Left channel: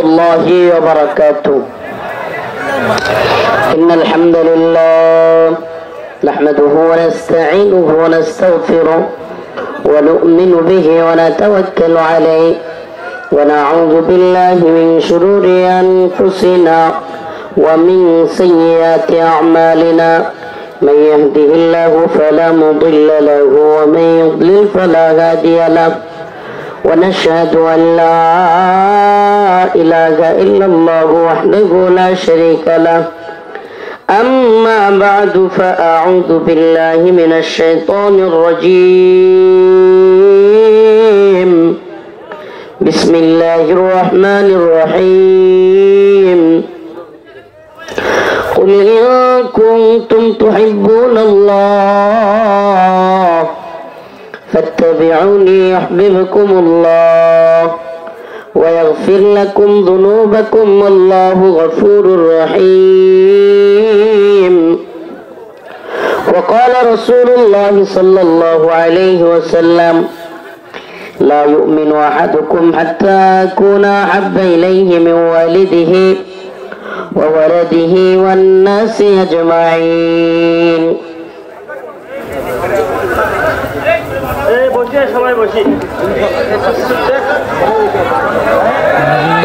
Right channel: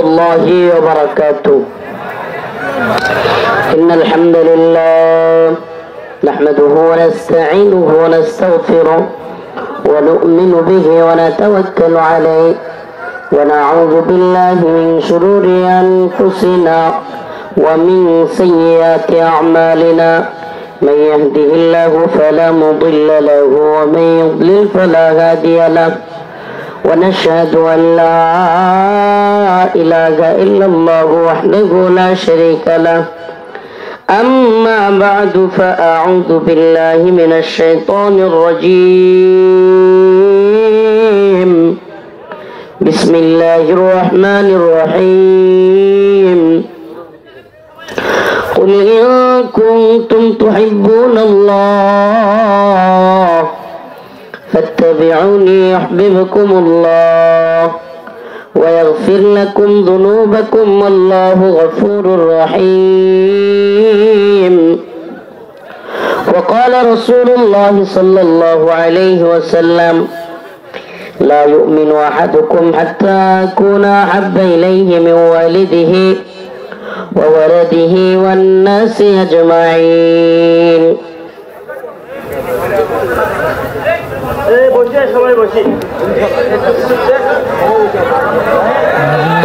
الله وبركاته. إن الحمد لله نحمده ونستعينه ونستغفره ونؤمن به ونتوكل عليه ونعوذ بالله من شرور أنفسنا ومن سيئات أعمالنا. من يهده الله فلا مضل له ومن يضلل فلا هادي له. ونشهد أن لا إله إلا الله وحده لا شريك له. أما بعد فأعوذ بالله من الشيطان الرجيم. بسم الله الرحمن الرحيم. قل إن كنتم تحبون الله فاتبعوني يحببكم الله ويغفر لكم ذنوبكم والله غفور رحيم. وقال رسول الله صلى الله عليه وسلم: لا يؤمن أحدكم حتى أكون أحب إليه من والده وولده والناس أجمعين.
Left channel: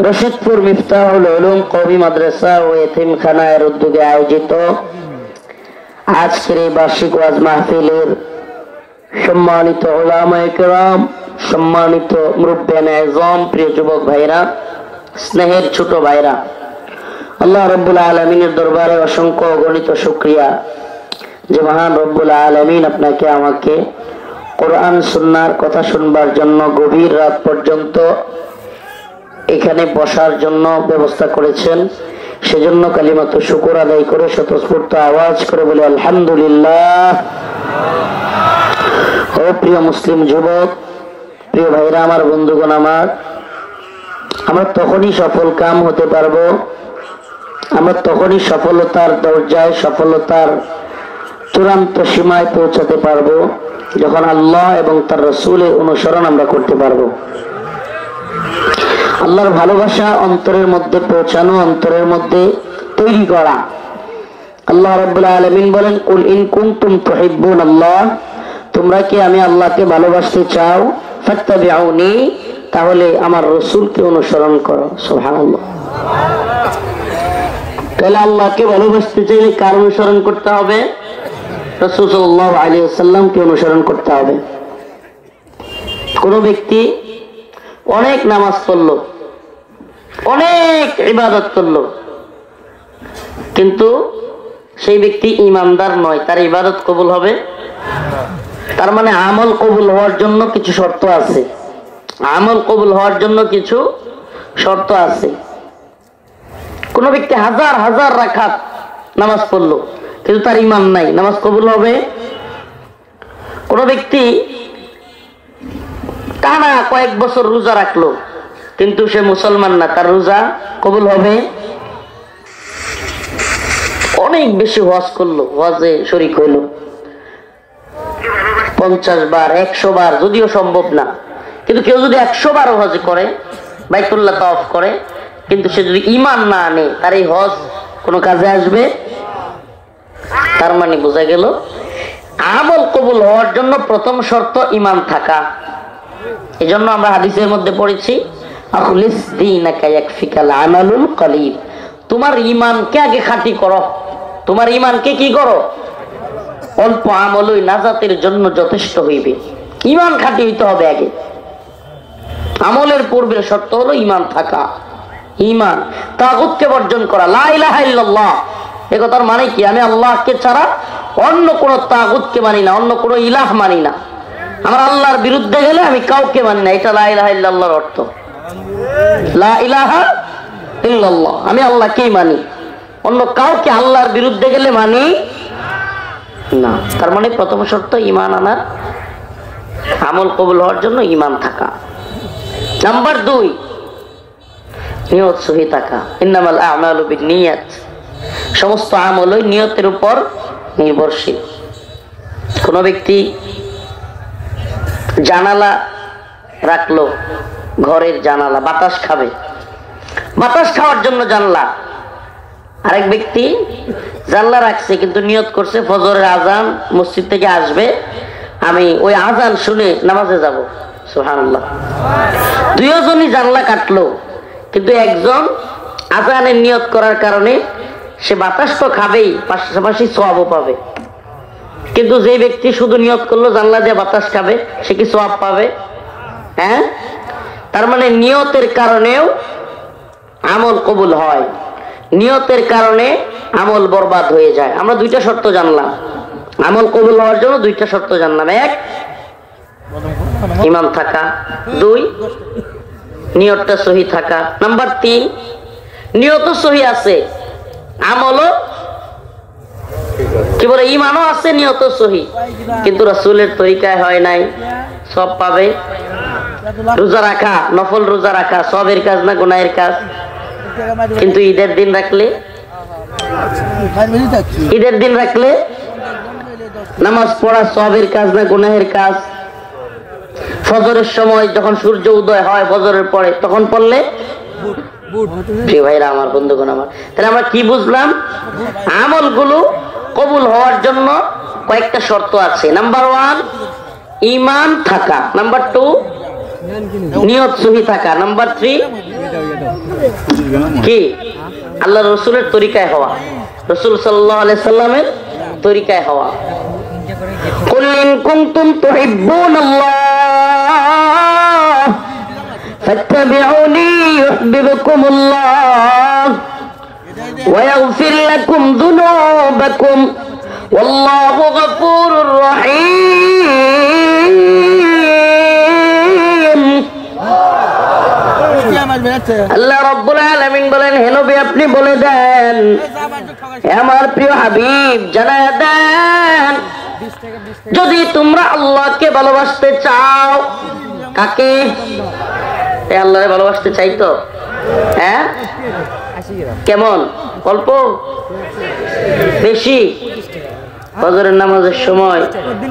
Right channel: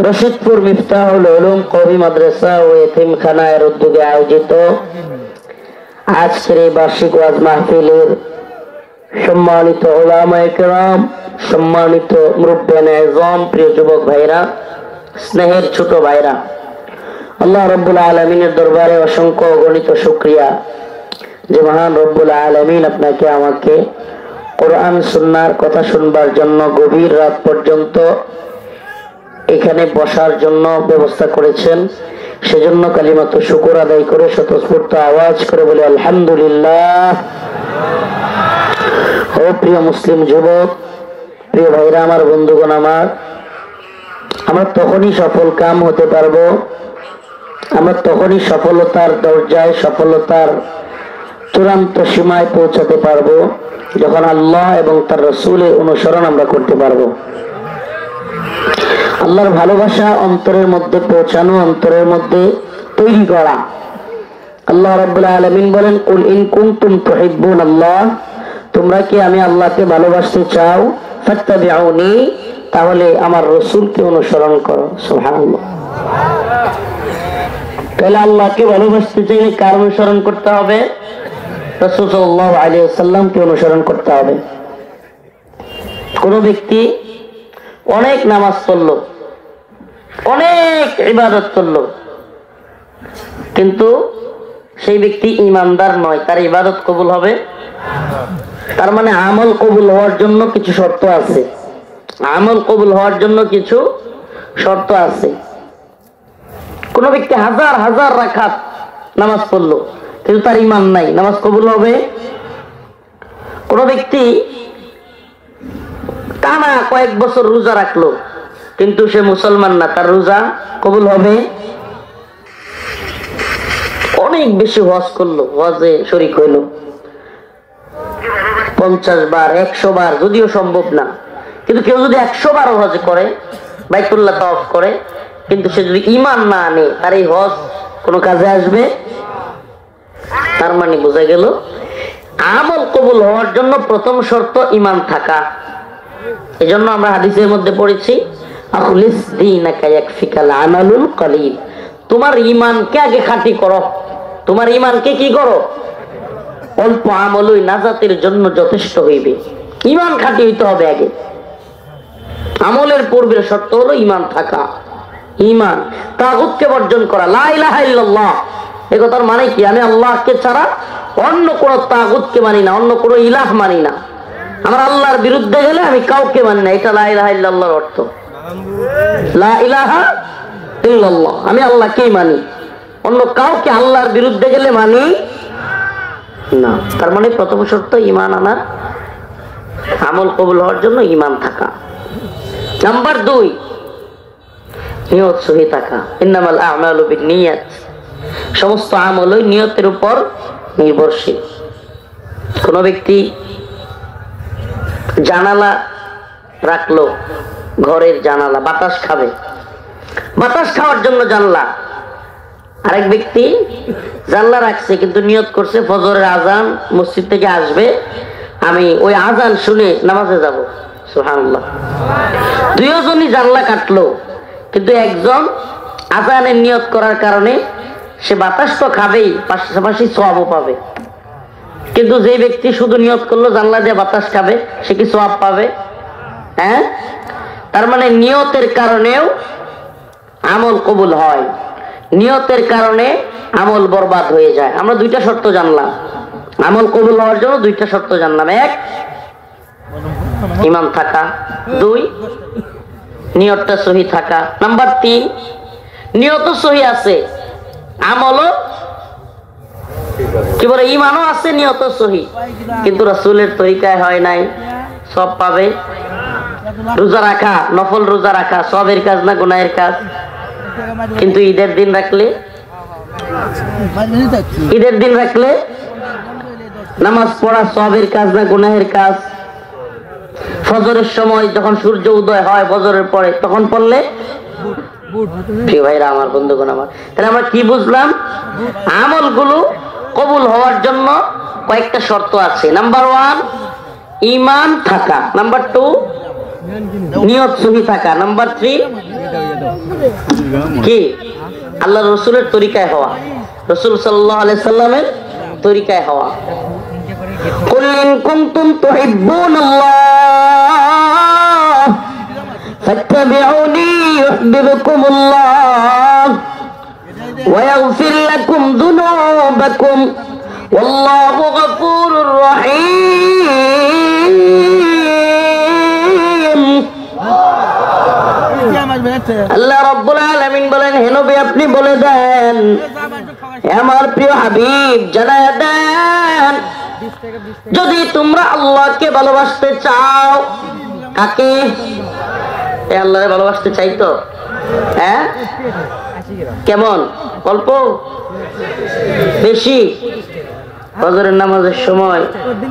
রশিদপুর মিফতাহুল উলুম কওমি মাদ্রাসা ও এতিমখানার উদ্যোগে আয়োজিত আজকের এই বার্ষিক ওয়াজ মাহফিলের সম্মানিত উলামায়ে কেরাম, সম্মানিত মুরব্বিয়ানে আযম, প্রিয় যুবক ভাইরা, স্নেহের ছোট ভাইরা, আল্লাহ রাব্বুল আলামিনের দরবারে অসংখ্য অগণিত শুকরিয়া যে মহান রব্বুল আলামিন আপনাকে আমাকে কোরআন সুন্নাহর কথা শুনবার জন্য গভীর রাত পর্যন্ত এখানে বসার জন্য ব্যবস্থা করেছেন। সেজন্য কালিমাত শুকর আদায় করে স্বতঃস্ফূর্ত আওয়াজ করে বলে আলহামদুলিল্লাহ। ও প্রিয় মুসলিম যুবক, প্রিয় ভাইরা আমার, বন্ধুগণ আমার, আমরা তখনই সফল কাম হতে পারবো, আমরা তখনই সফলতার দরজায়, সফলতার চূড়ান্ত সীমায় পৌঁছাতে পারবো যখন আল্লাহ এবং তার রাসূলের অনুসরণ আমরা করতে পারবো। আল্লাহর ভালোবাসা অন্তরের মধ্যে পৌঁছানো, অন্তরের মধ্যে তৈরি করা। আল্লাহ রাব্বুল আলামিন বলেন: কুল ইন কুনতুম তুহিব্বুনাল্লাহ, তোমরা কি আমি আল্লাহকে ভালোবাসতে চাও, ফাত্তাবিউনি, তাহলে আমার রাসূলকে অনুসরণ করো। সুবহানাল্লাহ। তাহলে আল্লাহকে ভালোবাসতে চাইলে কার অনুসরণ করতে হবে? রাসূল সাল্লাল্লাহু আলাইহি ওয়াসাল্লামকে অনুসরণ করতে হবে। কোন ব্যক্তি অনেক নামাজ পড়লো, অনেক ইবাদত করলো, কিন্তু সেই ব্যক্তি ইমানদার নয়, তার ইবাদত কবুল হবে? তার মানে আমল কবুল হওয়ার জন্য কিছু শর্ত আছে, আমল কবুল হওয়ার জন্য কিছু শর্ত আছে। কোন ব্যক্তি হাজার হাজার রাকাত নামাজ পড়লো কিন্তু তার ঈমান নাই, নামাজ কবুল হবে? কোন ব্যক্তি টানা কয়েক বছর রোজা রাখলো কিন্তু সে মুসলমান না, তার রোজা কবুল হবে? অনেক বেশি হজ করলো, হজে শরীক হইলো 50 বার 100 বার, যদিও সম্ভব না, কিন্তু কেউ যদি 100 বার হজ করে, বাইতুল্লাহ তাওয়াফ করে, কিন্তু সে যদি ঈমান না আনে, তার এই হজ কোন কাজে আসবে? তার মানে বোঝা গেল আমল কবুল হওয়ার জন্য প্রথম শর্ত ঈমান থাকা। এজন্য আমরা হাদিসের মধ্যে পড়েছি, আখলিস দীনাকা ইয়াকফিকাল আমালুল কলিল, তোমার ঈমানকে আগে খাঁটি করো, তোমার ঈমানকে কি করো? অল্প আমলই নাজাতের জন্য যথেষ্ট হইবে। ঈমান খাঁটি হইতে হবে আগে। আমলের পূর্বের শর্ত হলো ঈমান থাকা। ঈমান, তাগুতকে বর্জন করা, লা ইলাহা ইল্লাল্লাহ। এ কথার মানে কি? আমি আল্লাহকে ছাড়া অন্য কোন তাগুতকে মানি না, অন্য কোন ইলাহ মানি না। আমার আল্লাহর বিরুদ্ধে গেলে আমি কাউকে মানি না, এটা লা ইলাহা ইল্লাল্লাহর অর্থ। লা ইলাহা ইল্লাল্লাহ, আমি আল্লাহকেই মানি, অন্য কাউকে আল্লাহর বিরুদ্ধে গেলে মানি না। তার মানে প্রথম শর্ত ঈমান আনা, আমল কবুল হওয়ার জন্য ঈমান থাকা। নাম্বার 2, নিয়ত সহি থাকা। ইন্নামাল আ'মালু বিন্নিয়াত, সমস্ত আমলই নিয়তের উপর নির্ভরশীল। কোন ব্যক্তি জানালা রাখলো, ঘরের জানালা, বাতাস খাবে, বাতাস খাওয়ার জন্য জানলা। আরেক ব্যক্তি জানলা রাখছে কিন্তু নিয়ত করছে ফজরের আজান মসজিদ থেকে আসবে, আমি ওই আজান শুনে নামাজে যাব। সুবহানাল্লাহ। দুইজনই জানলা কাটলো, কিন্তু একজন আজানের নিয়ত করার কারণে সে বাতাস তো খাবেই, পাশাপাশি সওয়াবও পাবে। কিন্তু যে ব্যক্তি শুধু নিয়ত করলো জানলা দিয়ে বাতাস খাবে, সে কি সওয়াব পাবে? হ্যাঁ, তার মানে নিয়তের কারণেও আমল কবুল হয়, নিয়তের কারণে আমল বরবাদ হয়ে যায়। আমরা দুইটা শর্ত জানলাম, আমল কবুল হওয়ার জন্য দুইটা শর্ত জানলাম। এক, ইমাম থাকা। দুই, নিয়তটা সহি থাকা। নাম্বার তিন, নিয়ত সহি আছে, আমলও কি বলে ইমানও আছে, নিয়ত সহি, কিন্তু রাসূলের তরিকায় হয় নাই, সব পাবে। রোজা রাখা, নফল রোজা রাখা সবের কাজ না গুনাহের কাজ? কিন্তু ঈদের দিন রাখলে, ঈদের দিন রাখলে নামাজ পড়া সবের কাজ না গুনাহের কাজ? ফজরের সময় যখন সূর্য উদয় হয় ফজরের পরে তখন পড়লে, প্রিয় ভাইরা আমার, বন্ধুগণ আমার, তাহলে আমরা কি বুঝলাম? আমলগুলো কবুল হওয়ার জন্য কয়েকটা শর্ত আছে। নাম্বার ওয়ান, ঈমান থাকা। নাম্বার টু, নিয়ত সহি থাকা। নাম্বার থ্রি, কি? আল্লাহ রসুলের তরিকায় হওয়া, রসুল সাল্লাল্লাহু আলাইহি সাল্লামের তরিকায় হওয়া। কুল ইন কুনতুম তুহিব্বুনাল্লাহ ফাত্তাবিউনি ইউহিব্বুকুমুল্লাহ ওয়া ইয়াগফির লাকুম যুনুবাকুম ওয়াল্লাহু গফুরুর রহিম। আল্লাহ রাব্বুল আলামিন বলেন, হে নবী আপনি বলে দেন, আমার প্রিয় হাবিব জানায়া দেন, যদি তোমরা আল্লাহকে ভালোবাসতে চাও, কাকে? আল্লাহকে ভালোবাসতে চাই তো? হ্যাঁ, কেমন? অল্প বেশি? ফজরের নামাজের সময়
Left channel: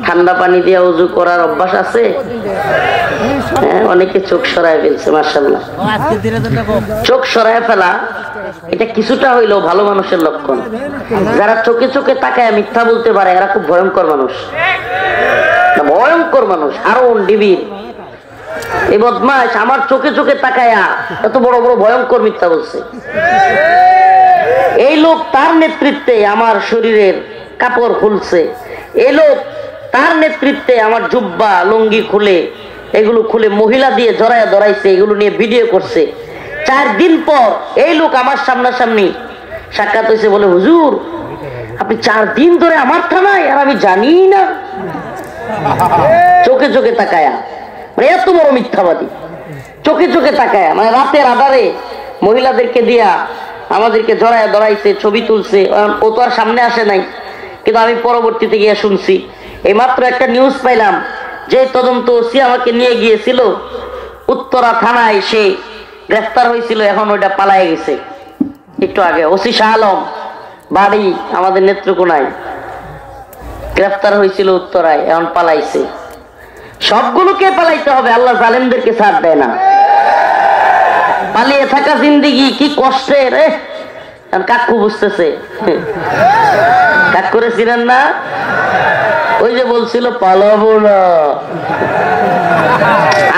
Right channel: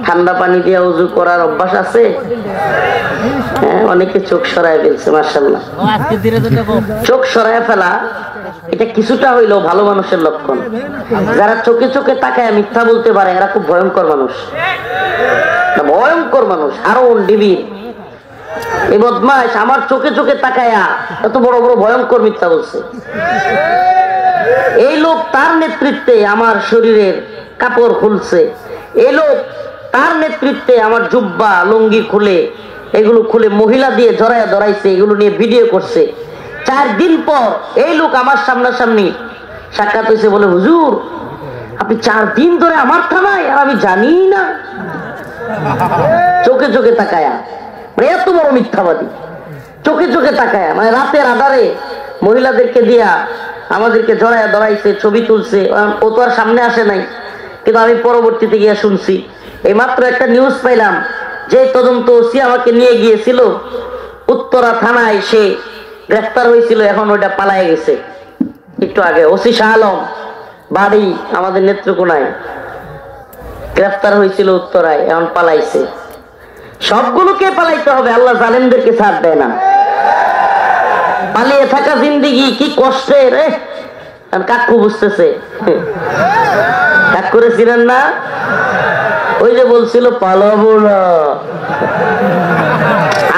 ঠান্ডা পানি দিয়ে ওযু করার অভ্যাস আছে? হ্যাঁ, অনেকে চোখ সরায় ফেলছে, মাশাআল্লাহ। চোখ সরায় ফেলা এটা কিছুটা হইলেও ভালো মানুষের লক্ষণ। যারা চোখে চোখে তাকায় মিথ্যা বলতে পারে এরা খুব ভয়ঙ্কর মানুষ, ভয়ঙ্কর মানুষ। আরো ডিবির এই বদমাশ আমার চোখে চোখে তাকায়া এত বড় বড় ভয়ঙ্কর মিথ্যা বলছে। এই লোক তার নেতৃত্বে আমার শরীরের কাপড় খুলছে, এই লোক তার নেতৃত্বে আমার জুব্বা লুঙ্গি খুলে, এগুলো খুলে মহিলা দিয়ে জড়ায় ধরাইছে, এগুলো নিয়ে ভিডিও করছে। 4 দিন পর এই লোক আমার সামনাসামনি সাক্ষাৎ হয়েছে, বলে হুজুর আপনি 4 দিন ধরে আমার থানায়, আমি জানি না। চোখে চোখে তাকায়া, এত বড় মিথ্যাবাদী, চোখে চোখে তাকায়া, মানে রাতের আধারে মহিলাদেরকে দিয়া আমাদেরকে জড়ায় ধরাইছে, ছবি তুলছে। ও তো আর সামনে আসে নাই, কিন্তু আমি পরবর্তীতে গিয়ে শুনছি। এই মাত্র একটা নিউজ পাইলাম, যে তদন্ত ওসি আমাকে নিয়ে গিয়েছিল উত্তরা থানায়, সে গ্রেফতার হয়েছিল, এখন ওইটা পালায় গেছে। একটু আগে ওসি শাহ আলম, বাড়ি আমাদের নেত্রকোনায়, গ্রেফতার হয়েছিল উত্তরায়, এখন পালাইছে। সবগুলোকে পালাইতে হবে, আল্লাহ জালেমদেরকে ছাড় দেয় না। পালিয়ে থাকা জিন্দেগি কি কষ্টের। কাকু বুঝতেছে, কাক করেছিলেন না? ওই যে বলছিল পালাবো না।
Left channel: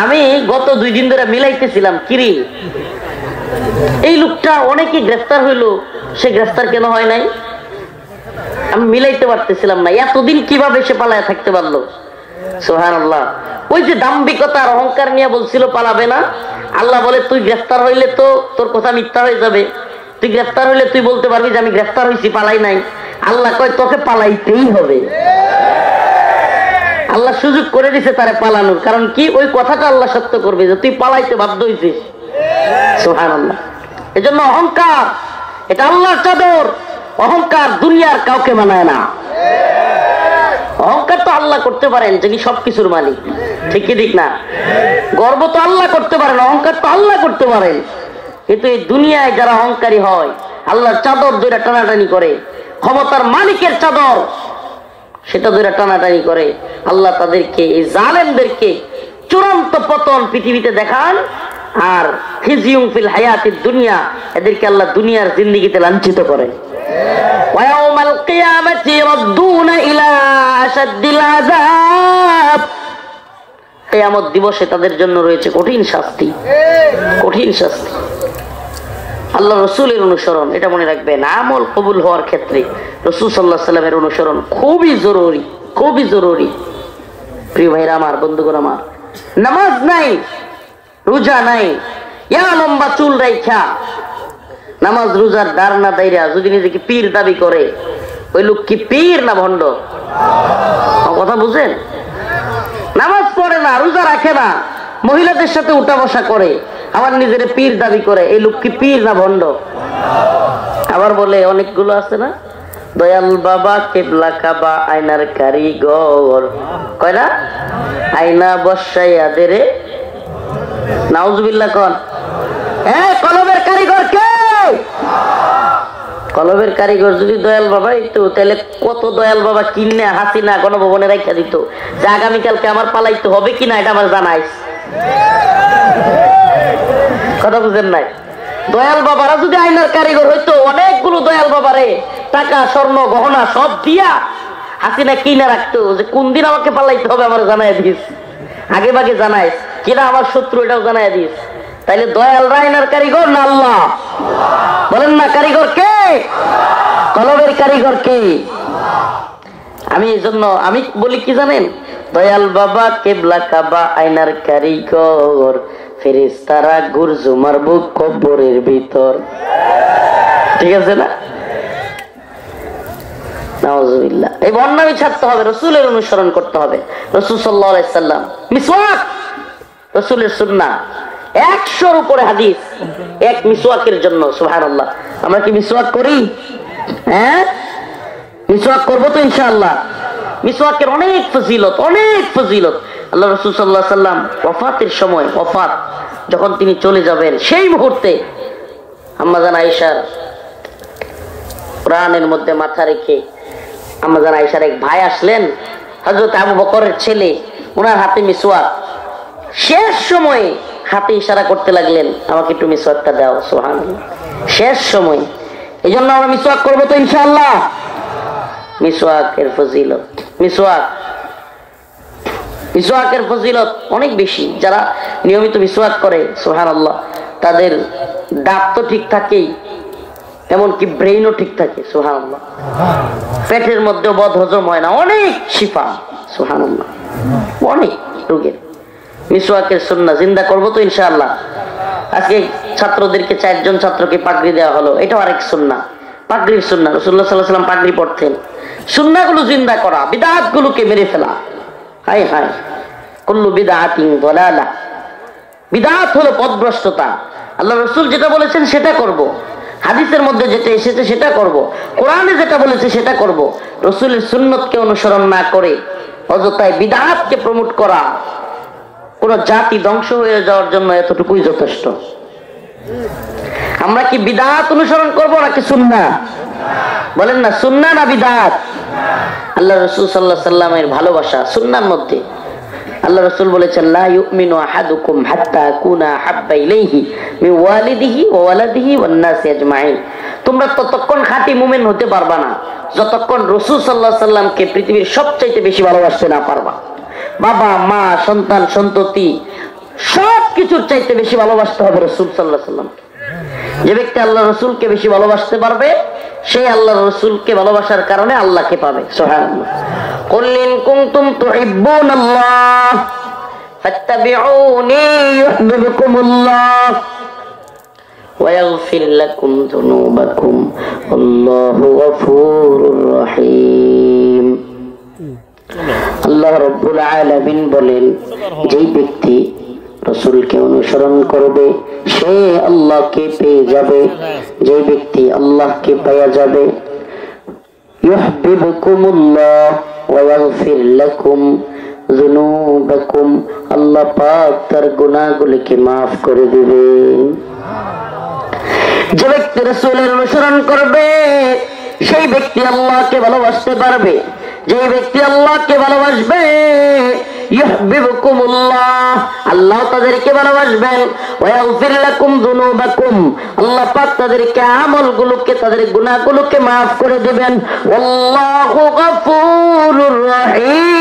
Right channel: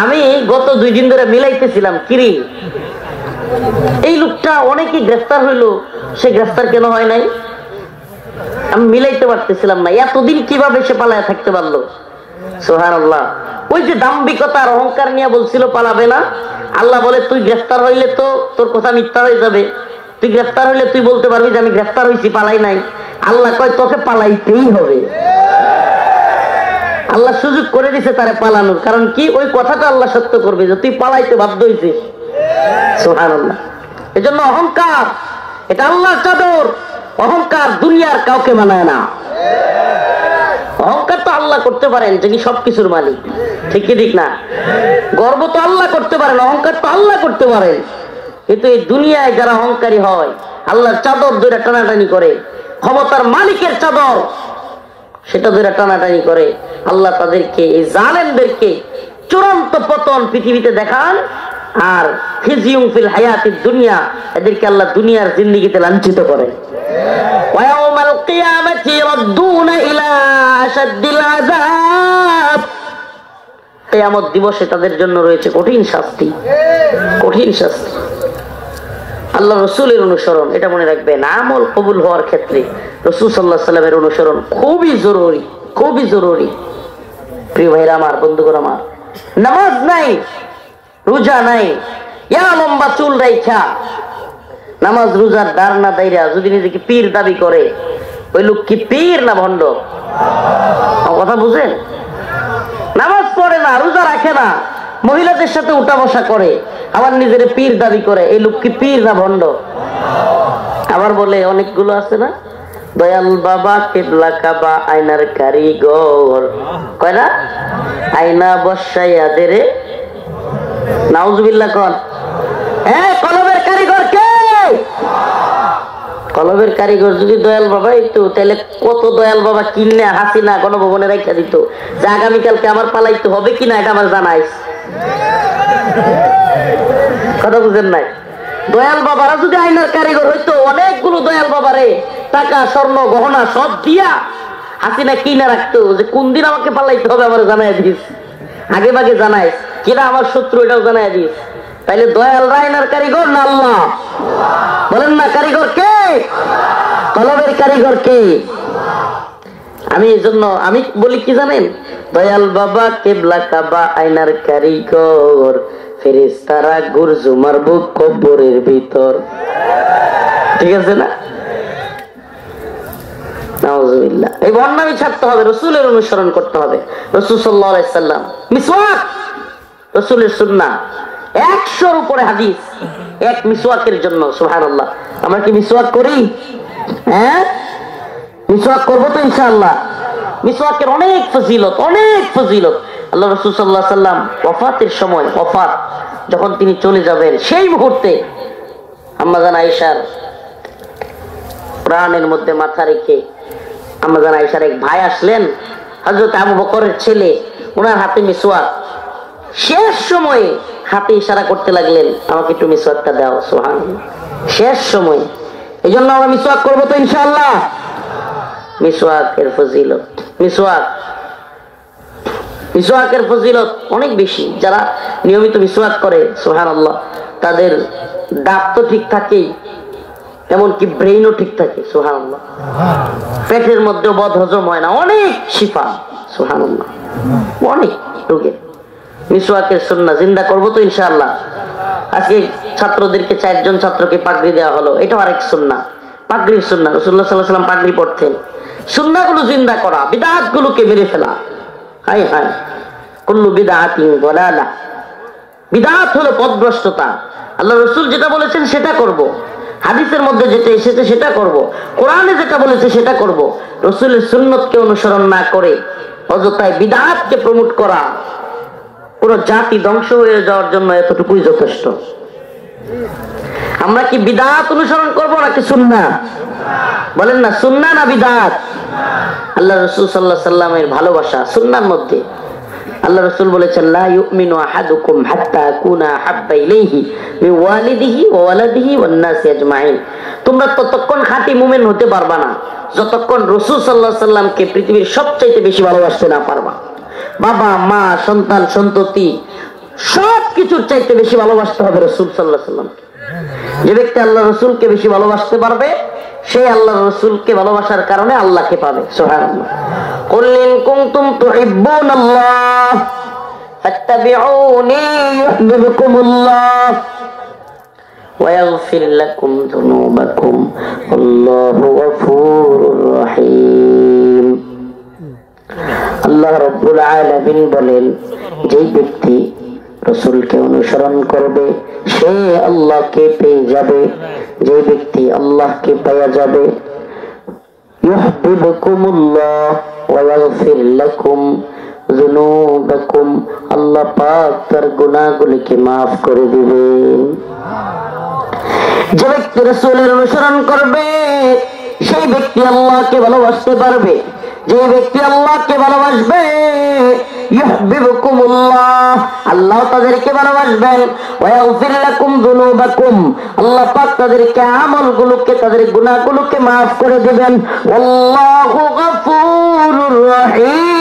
আমি গত 2 দিন ধরে মিলাইতেছিলাম, কিরি এই লোকটা অনেকে গ্রেফতার হইলো, সে গ্রেফতার কেন হয় নাই? আমি মিলাইতে পারতেছিলাম না, এতদিন কিভাবে সে পালায় থাকতে পারলো। সুবহানাল্লাহ। ওই যে দাম্ভিকতার অহংকার নিয়ে বলছিল পালাবে না, আল্লাহ বলে তুই গ্রেফতার হইলে তো তোর কথা মিথ্যা হয়ে যাবে। তুই গ্রেফতার হইলে তুই বলতে পারবি যে আমি গ্রেফতার হয়েছি, পালাই নাই। আল্লাহ কয় তোকে পালাইতেই হবে। আল্লাহ সুযোগ করে দিছে তারা পালানোর, কারণ কি ওই কথাটা আল্লাহ সত্য করবে যে তুই পালাইতে বাধ্য হয়েছিস। সুবহানাল্লাহ। এজন্য অহংকার এটা আল্লাহর চাদর, অহংকার দুনিয়ার কাউকে মানায় না। অহংকার তো আল্লাহ করতে পারেন, যিনি সবকিছুর মালিক, ঠিক কি ঠিক না? গর্ব তো আল্লাহ করতে পারেন, অহংকার তো আল্লাহ করতে পারেন। কিন্তু এই দুনিয়ায় যারা অহংকারী হয়, আল্লাহর চাদর ধরে টানাটানি করে, ক্ষমতার মালিকের চাদর সেটা ধরে টানাটানি করে, আল্লাহ তাদেরকে, এই জালেমদেরকে চূড়ান্ত পতন পৃথিবীতে দেখান, আর খিজিউম ফিল হায়াতিদ দুনিয়া, এদেরকে আল্লাহ দুনিয়ার জিন্দেগিতে লাঞ্ছিত করেন। ওয়া ইয়াউমাল কিয়ামাতি ইয়ারদুনা ইলা আশাদ্দিল আযাব, কিয়ামত দিবসে তাদের জন্য রয়েছে কঠিন শাস্তি, কঠিন শাস্তি। আল্লাহ রসুলের অনুসরণ, এটা মনে রাখবেন, আমল কবুল হওয়ার ক্ষেত্রে রসুল সাল্লাল্লাহু আলাইহি সাল্লামের অনুসরণ খুবই জরুরি, খুবই জরুরি। প্রিয় ভাইরা আমার, বন্ধুগণ আমার, নামাজ নাই, রোজা নাই, ইয়া লম্বা চুল রাইখা নামাজ রোজার দার না দাইরা যদি নিজেকে পীর দাবি করে, ওই লোক কি পীর না ভণ্ড? কথা বুঝেন? নামাজ পড়ে না, রোজা রাখে না, মহিলাদের সাথে উঠা বসা করে, আবার নিজের পীর দাবি করে, এই লোক কি পীর না ভণ্ড? আবার বলে অনেকগুলো আছে না, দয়াল বাবা কেবলা কাবা আয়নার কারিগর, কয় না, আয়না বসাইয়া দেরে নাউজুবিল্লাহ কোন। কলবের কারিগর কে? কলবের কারিগর যদি দয়াল বাবা একটু, তাহলে কত দয়াল বাবা কিনে হাসিনা গণভবনে রাখা দিত যে আগামীকালকে আমার পালাইতে হবে কিনা এটা আমার জানাইস। কথা বুঝেন নাই? দয়াল বাবারা যদি আইনার কারিগর হইতো, অনেকগুলো দয়াল বাবারে টাকা স্বর্ণ গহনা সব দিয়া হাসিনা কিনে রাখতো, যে কোন দিন আমাকে পালাইতে হবে আমার জানাই দিস, আগে ভাগে জানাইস, কিনা আমার শত্রু এটাও জানাই দিস। তাইলে দয়াল রাইনার কারিগর না আল্লাহ? বলেন না, কারিগর কে? কলবের কারিগর কে? আমি এই জন্য আমি বলি কি জানেন, দয়াল বাবা কেবলা কাবা আয়নার কারিগর, ফেরেশতারা গুরজু মারবো কবরের ভিতর। ঠিক আছে না? নাউজুবিল্লাহ। এই বর্ণামি ছাড়তে হবে, রসুলের অনুসরণ করতে হবে। রসুল সাল্লাল্লাহু আলাইহি সাল্লাম মিসওয়াক, রসুলের সুন্নাহ, 100-র উপরে হাদিস এক মিসওয়াকের জন্য। সুবহানাল্লাহ। আমরা কি মিসওয়াক করি? হ্যাঁ, মিসওয়াক করবো তো ইনশাআল্লাহ। মিসওয়াকের অনেক ফজিলত, অনেক ফজিলত। আল্লাহ রাসূল সাল্লাল্লাহু আলাইহি সাল্লাম ওয়াফাতের সময়, ওয়াফাত যখন তিনি চলে যাবেন, সেই মুহূর্তে আম্মা জান আয়েশার প্রাণের মধ্যে মাথা রেখে আম্মা জান আয়েশার এক ভাই আসলেন, হযরত আবু বকরের ছেলে, ওনার হাতে মিসওয়াক। শেষ সময়ে হাতে ইশারা করতে লাগলেন, আমাকে একটু মিসওয়াকটা দাও। সুবহানাল্লাহ। শেষ সময়, এই জন্য আমরা মিসওয়াক করবো তো ইনশাআল্লাহ। মিসওয়াকের ফজিলত, মিসওয়াকের ফজিলত অনেক বেশি। যারা নিয়মিত মিসওয়াক করে, সুবহানাল্লাহ, তাদের দাঁত তো ঠিক থাকেই, এমনকি ব্রেইনও ঠিক থাকে। সুবহানাল্লাহ। পেটের মধ্যে বদ হজম হয় না, অনেক শিফা। সুবহানাল্লাহ। অনেক রোগের মিসওয়াকের সুন্নাহ জিন্দা করবো তো ইনশাআল্লাহ। আজকে ছাত্রদেরকে 4 জন ছাত্রকে পাগড়ি দেওয়া হলো, এটাও আরেক সুন্নাহ, পাগড়ির সুন্নাহ। রাসূলুল্লাহ সাল্লাল্লাহু আলাইহি ওয়াসাল্লাম পাগড়ি পরতেন। সুন্নাহগুলো জিন্দা করা, বিদআতগুলোকে মেরে ফেলা। হায় হায়, কুল্লু বিদআতিন দালালা, বিদআত হলো পথভ্রষ্টতা। আল্লাহ রাসূল যেটা বলেছেন সেটা করব, হাদিসের মধ্যে যেটা এসেছে সেটা করব, কোরআনে যেটা বলেছে সেটা করব। রাসূলের সুন্নতকে অনুসরণ না করে অযথায় বিদআতকে প্রমোট করা কোন জাতি ধ্বংস হয়ে যাওয়ার জন্য এতটুকুই যথেষ্ট। আমরা কি বিদআত অনুসরণ করব নাকি সুন্নাহ? বলেন না, সুন্নাহ না বিদআত? আল্লাহ রাসূল সাল্লাল্লাহু আলাইহি সাল্লামের ভালোবাসা সুন্নাহর মধ্যে। আল্লাহ রাসূল বলেছেন, লা ইউমিনু আহাদুকুম হাত্তা কুনা হাব্বা ইলাইহি মিন ওয়ালিদিহি ওয়া ওয়ালাদিহি ওয়ান নাসি আজমাইন। তোমরা ততক্ষণ খাঁটি মুমিন হতে পারবা না যতক্ষণ রাসূল সাল্লাল্লাহু আলাইহি সাল্লামকে পৃথিবীর সবচাইতে বেশি ভালোবাসতে না পারবা। বাবা মা সন্তান সন্ততি সবকিছুর চাইতে বেশি ভালোবাসতে হবে রাসূল সাল্লাল্লাহু আলাইহি সাল্লামকে। যে ব্যক্তি আল্লাহ রাসূলকে বেশি ভালোবাসতে পারবে, সেই আল্লাহ রাসূলকে ভালোবাসার কারণে আল্লাহকে পাবে। সুবহানাল্লাহ। কুল ইন কুনতুম তুহিব্বুনাল্লাহ ফাত্তাবিউনি ইউহিব্বুকুমুল্লাহ ওয়া ইয়াগফির লাকুম যুনুবাকুম আল্লাহু গফুরুর রহিম। আল্লাহ রাব্বুল আলামিন বলেন, যে ব্যক্তি রাসূলকে অনুসরণ করবে সে আল্লাহকে পেয়ে যাবে, যে ব্যক্তি আল্লাহকে পেয়ে যাবে। ইউহিব্বুকুমুল্লাহ ওয়া ইয়াগফির লাকুম যুনুবাকুম, আল্লাহ পাক তার গুনাহগুলোকে maaf করে দিবেন। যে ব্যক্তি রাসূলের অনুসরণ করবে সেই ব্যক্তি আল্লাহকে ভালোবাসতে পারবে। যে ব্যক্তি আল্লাহকে ভালোবাসবে ইউহিব্বুকুমুল্লাহ, আল্লাহ তাদেরকে ভালোবাসবেন। ওয়া ইয়াগফির লাকুম যুনুবাকুম, আল্লাহ পাক তাদেরকে আমলগুলোকে, তাদের গুনাহগুলোকে maaf করে দিবেন। আল্লাহু গফুরুর রহিম,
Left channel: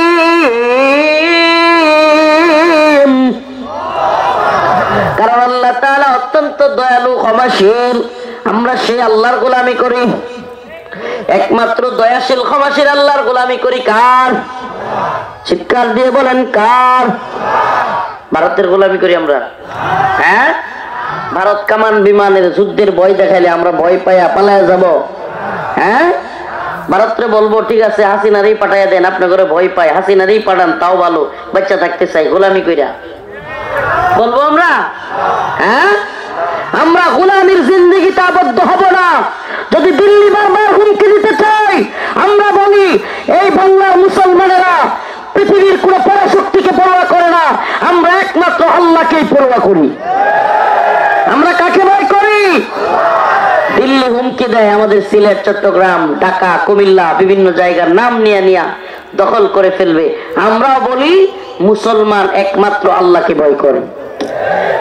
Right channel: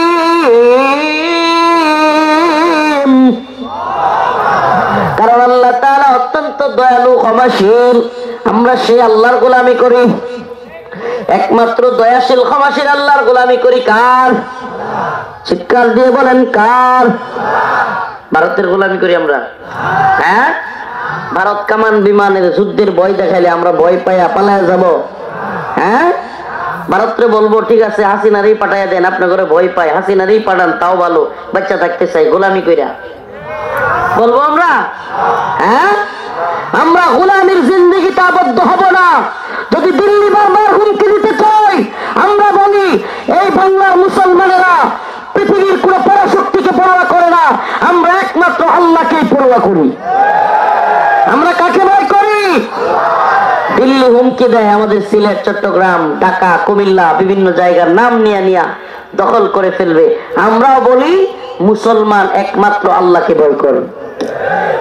কারণ আল্লাহ তাআলা অত্যন্ত দয়ালু, ক্ষমাশীল। আমরা সেই আল্লাহর গোলামি করি, একমাত্র দয়াশীল ক্ষমাশীল আল্লাহর গোলামি করি। কার? চিৎকার দিয়ে বলেন কার? ভারতের গোলামি করি আমরা। হ্যাঁ, ভারত কামান বিমানের যুদ্ধের ভয় দেখাইলে আমরা ভয় পাইয়া পালায়া যাব? হ্যাঁ, ভারতরে বলবো ঠিক আছে হাসিনারই পাঠাইয়া দেন, আপনি করে ভয় পাই, হাসিনারই পাঠান তাও ভালো, বাচ্চা থাকতে চাই, গোলামি কইরা বলবো আমরা? হ্যাঁ, আমরা গোলামির জিন্দেগিতে আবদ্ধ হব না। যদি দিল্লি বারবার হুমকি দিতে চাই, আমরা বলি এই বাংলার মুসলমানেরা পৃথিবীর কোন পরাশক্তিকে পরোয়া করে না, আমরা একমাত্র আল্লাহকেই পরোয়া করি। আমরা কাকে ভয় করি? দিল্লি হুমকি দেয় আমাদের সিলেট, চট্টগ্রাম, ঢাকা, কুমিল্লা বিভিন্ন জায়গার নাম নিয়ে নিয়ে দখল করে ফেলবে। আমরাও বলি মুসলমান একমাত্র আল্লাহকে ভয় করে,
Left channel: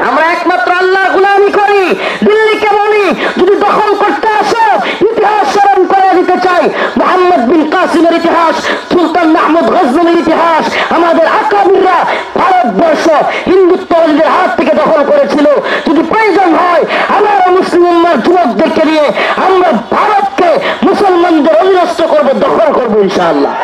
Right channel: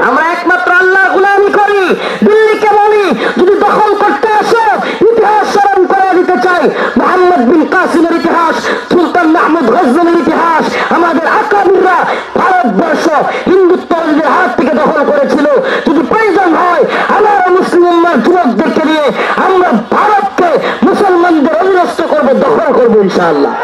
আমরা একমাত্র আল্লাহর গোলামি করি। দিল্লিকে বলি যদি দখল করতে আসো, ইতিহাস স্মরণ করে দিতে চাই, মুহাম্মদ বিন কাসিমের ইতিহাস, সুলতান মাহমুদ গজনভির ইতিহাস, আমাদের আকাবিররা ভারতবর্ষ হিন্দুত্ববাদীদের হাত থেকে দখল করেছিল। যদি প্রয়োজন হয় আমার মুসলিম উম্মাহর যুবকদেরকে নিয়ে আমরা ভারতকে মুসলমানদের অধীনস্থ করবো, দখল করবো ইনশাআল্লাহ।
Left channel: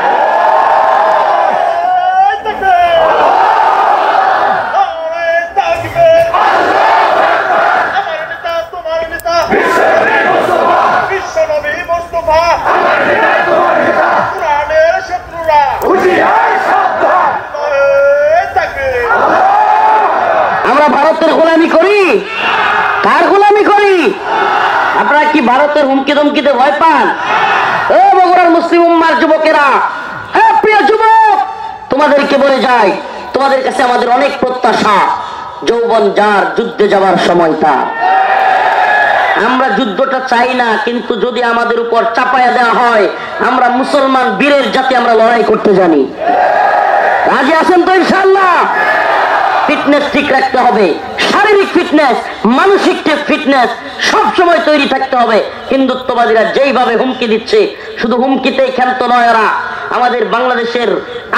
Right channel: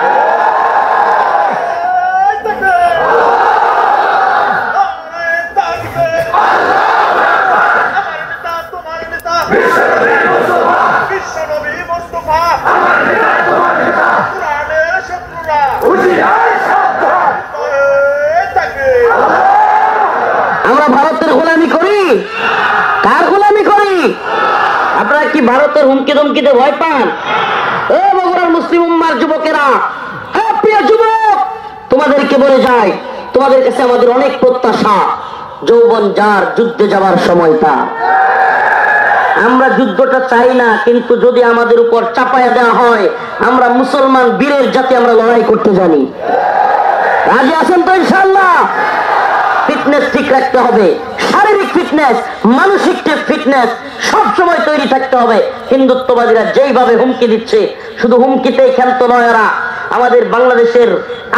আমরা ভারতের গোলামি করি, কার গোলামি করি? আপনারা কি ভারতের হুমকি ধমকিতে ভয় পান? ও বগুড়ার মুসলিম উম্মার যুবকেরা, প্রিয় যুবক, তোমাদেরকে বলে যাই, তোমাদের কাছে আমাদের অনেক প্রত্যাশা। যৌবন যার, যুদ্ধে যাওয়ার সময়টা। আমরা যুদ্ধটা চাই না, কিন্তু যদি আমাদের উপর চাপায়া দেওয়া হয়, আমরা মুসলমান বীরের জাতি, আমরা লড়াই করতে জানি। রাজি আছেন তো ইনশাআল্লাহ? ফিটনেস ঠিক রাখতে হবে, শারীরিক ফিটনেস, মানসিক ফিটনেস সবসময় তৈরি থাকতে হবে। হিন্দুত্ববাদীরা যেইভাবে হুমকি দিচ্ছে, শুধু হুমকিতেই ক্ষান্ত নয় এরা। আমাদের বাংলাদেশের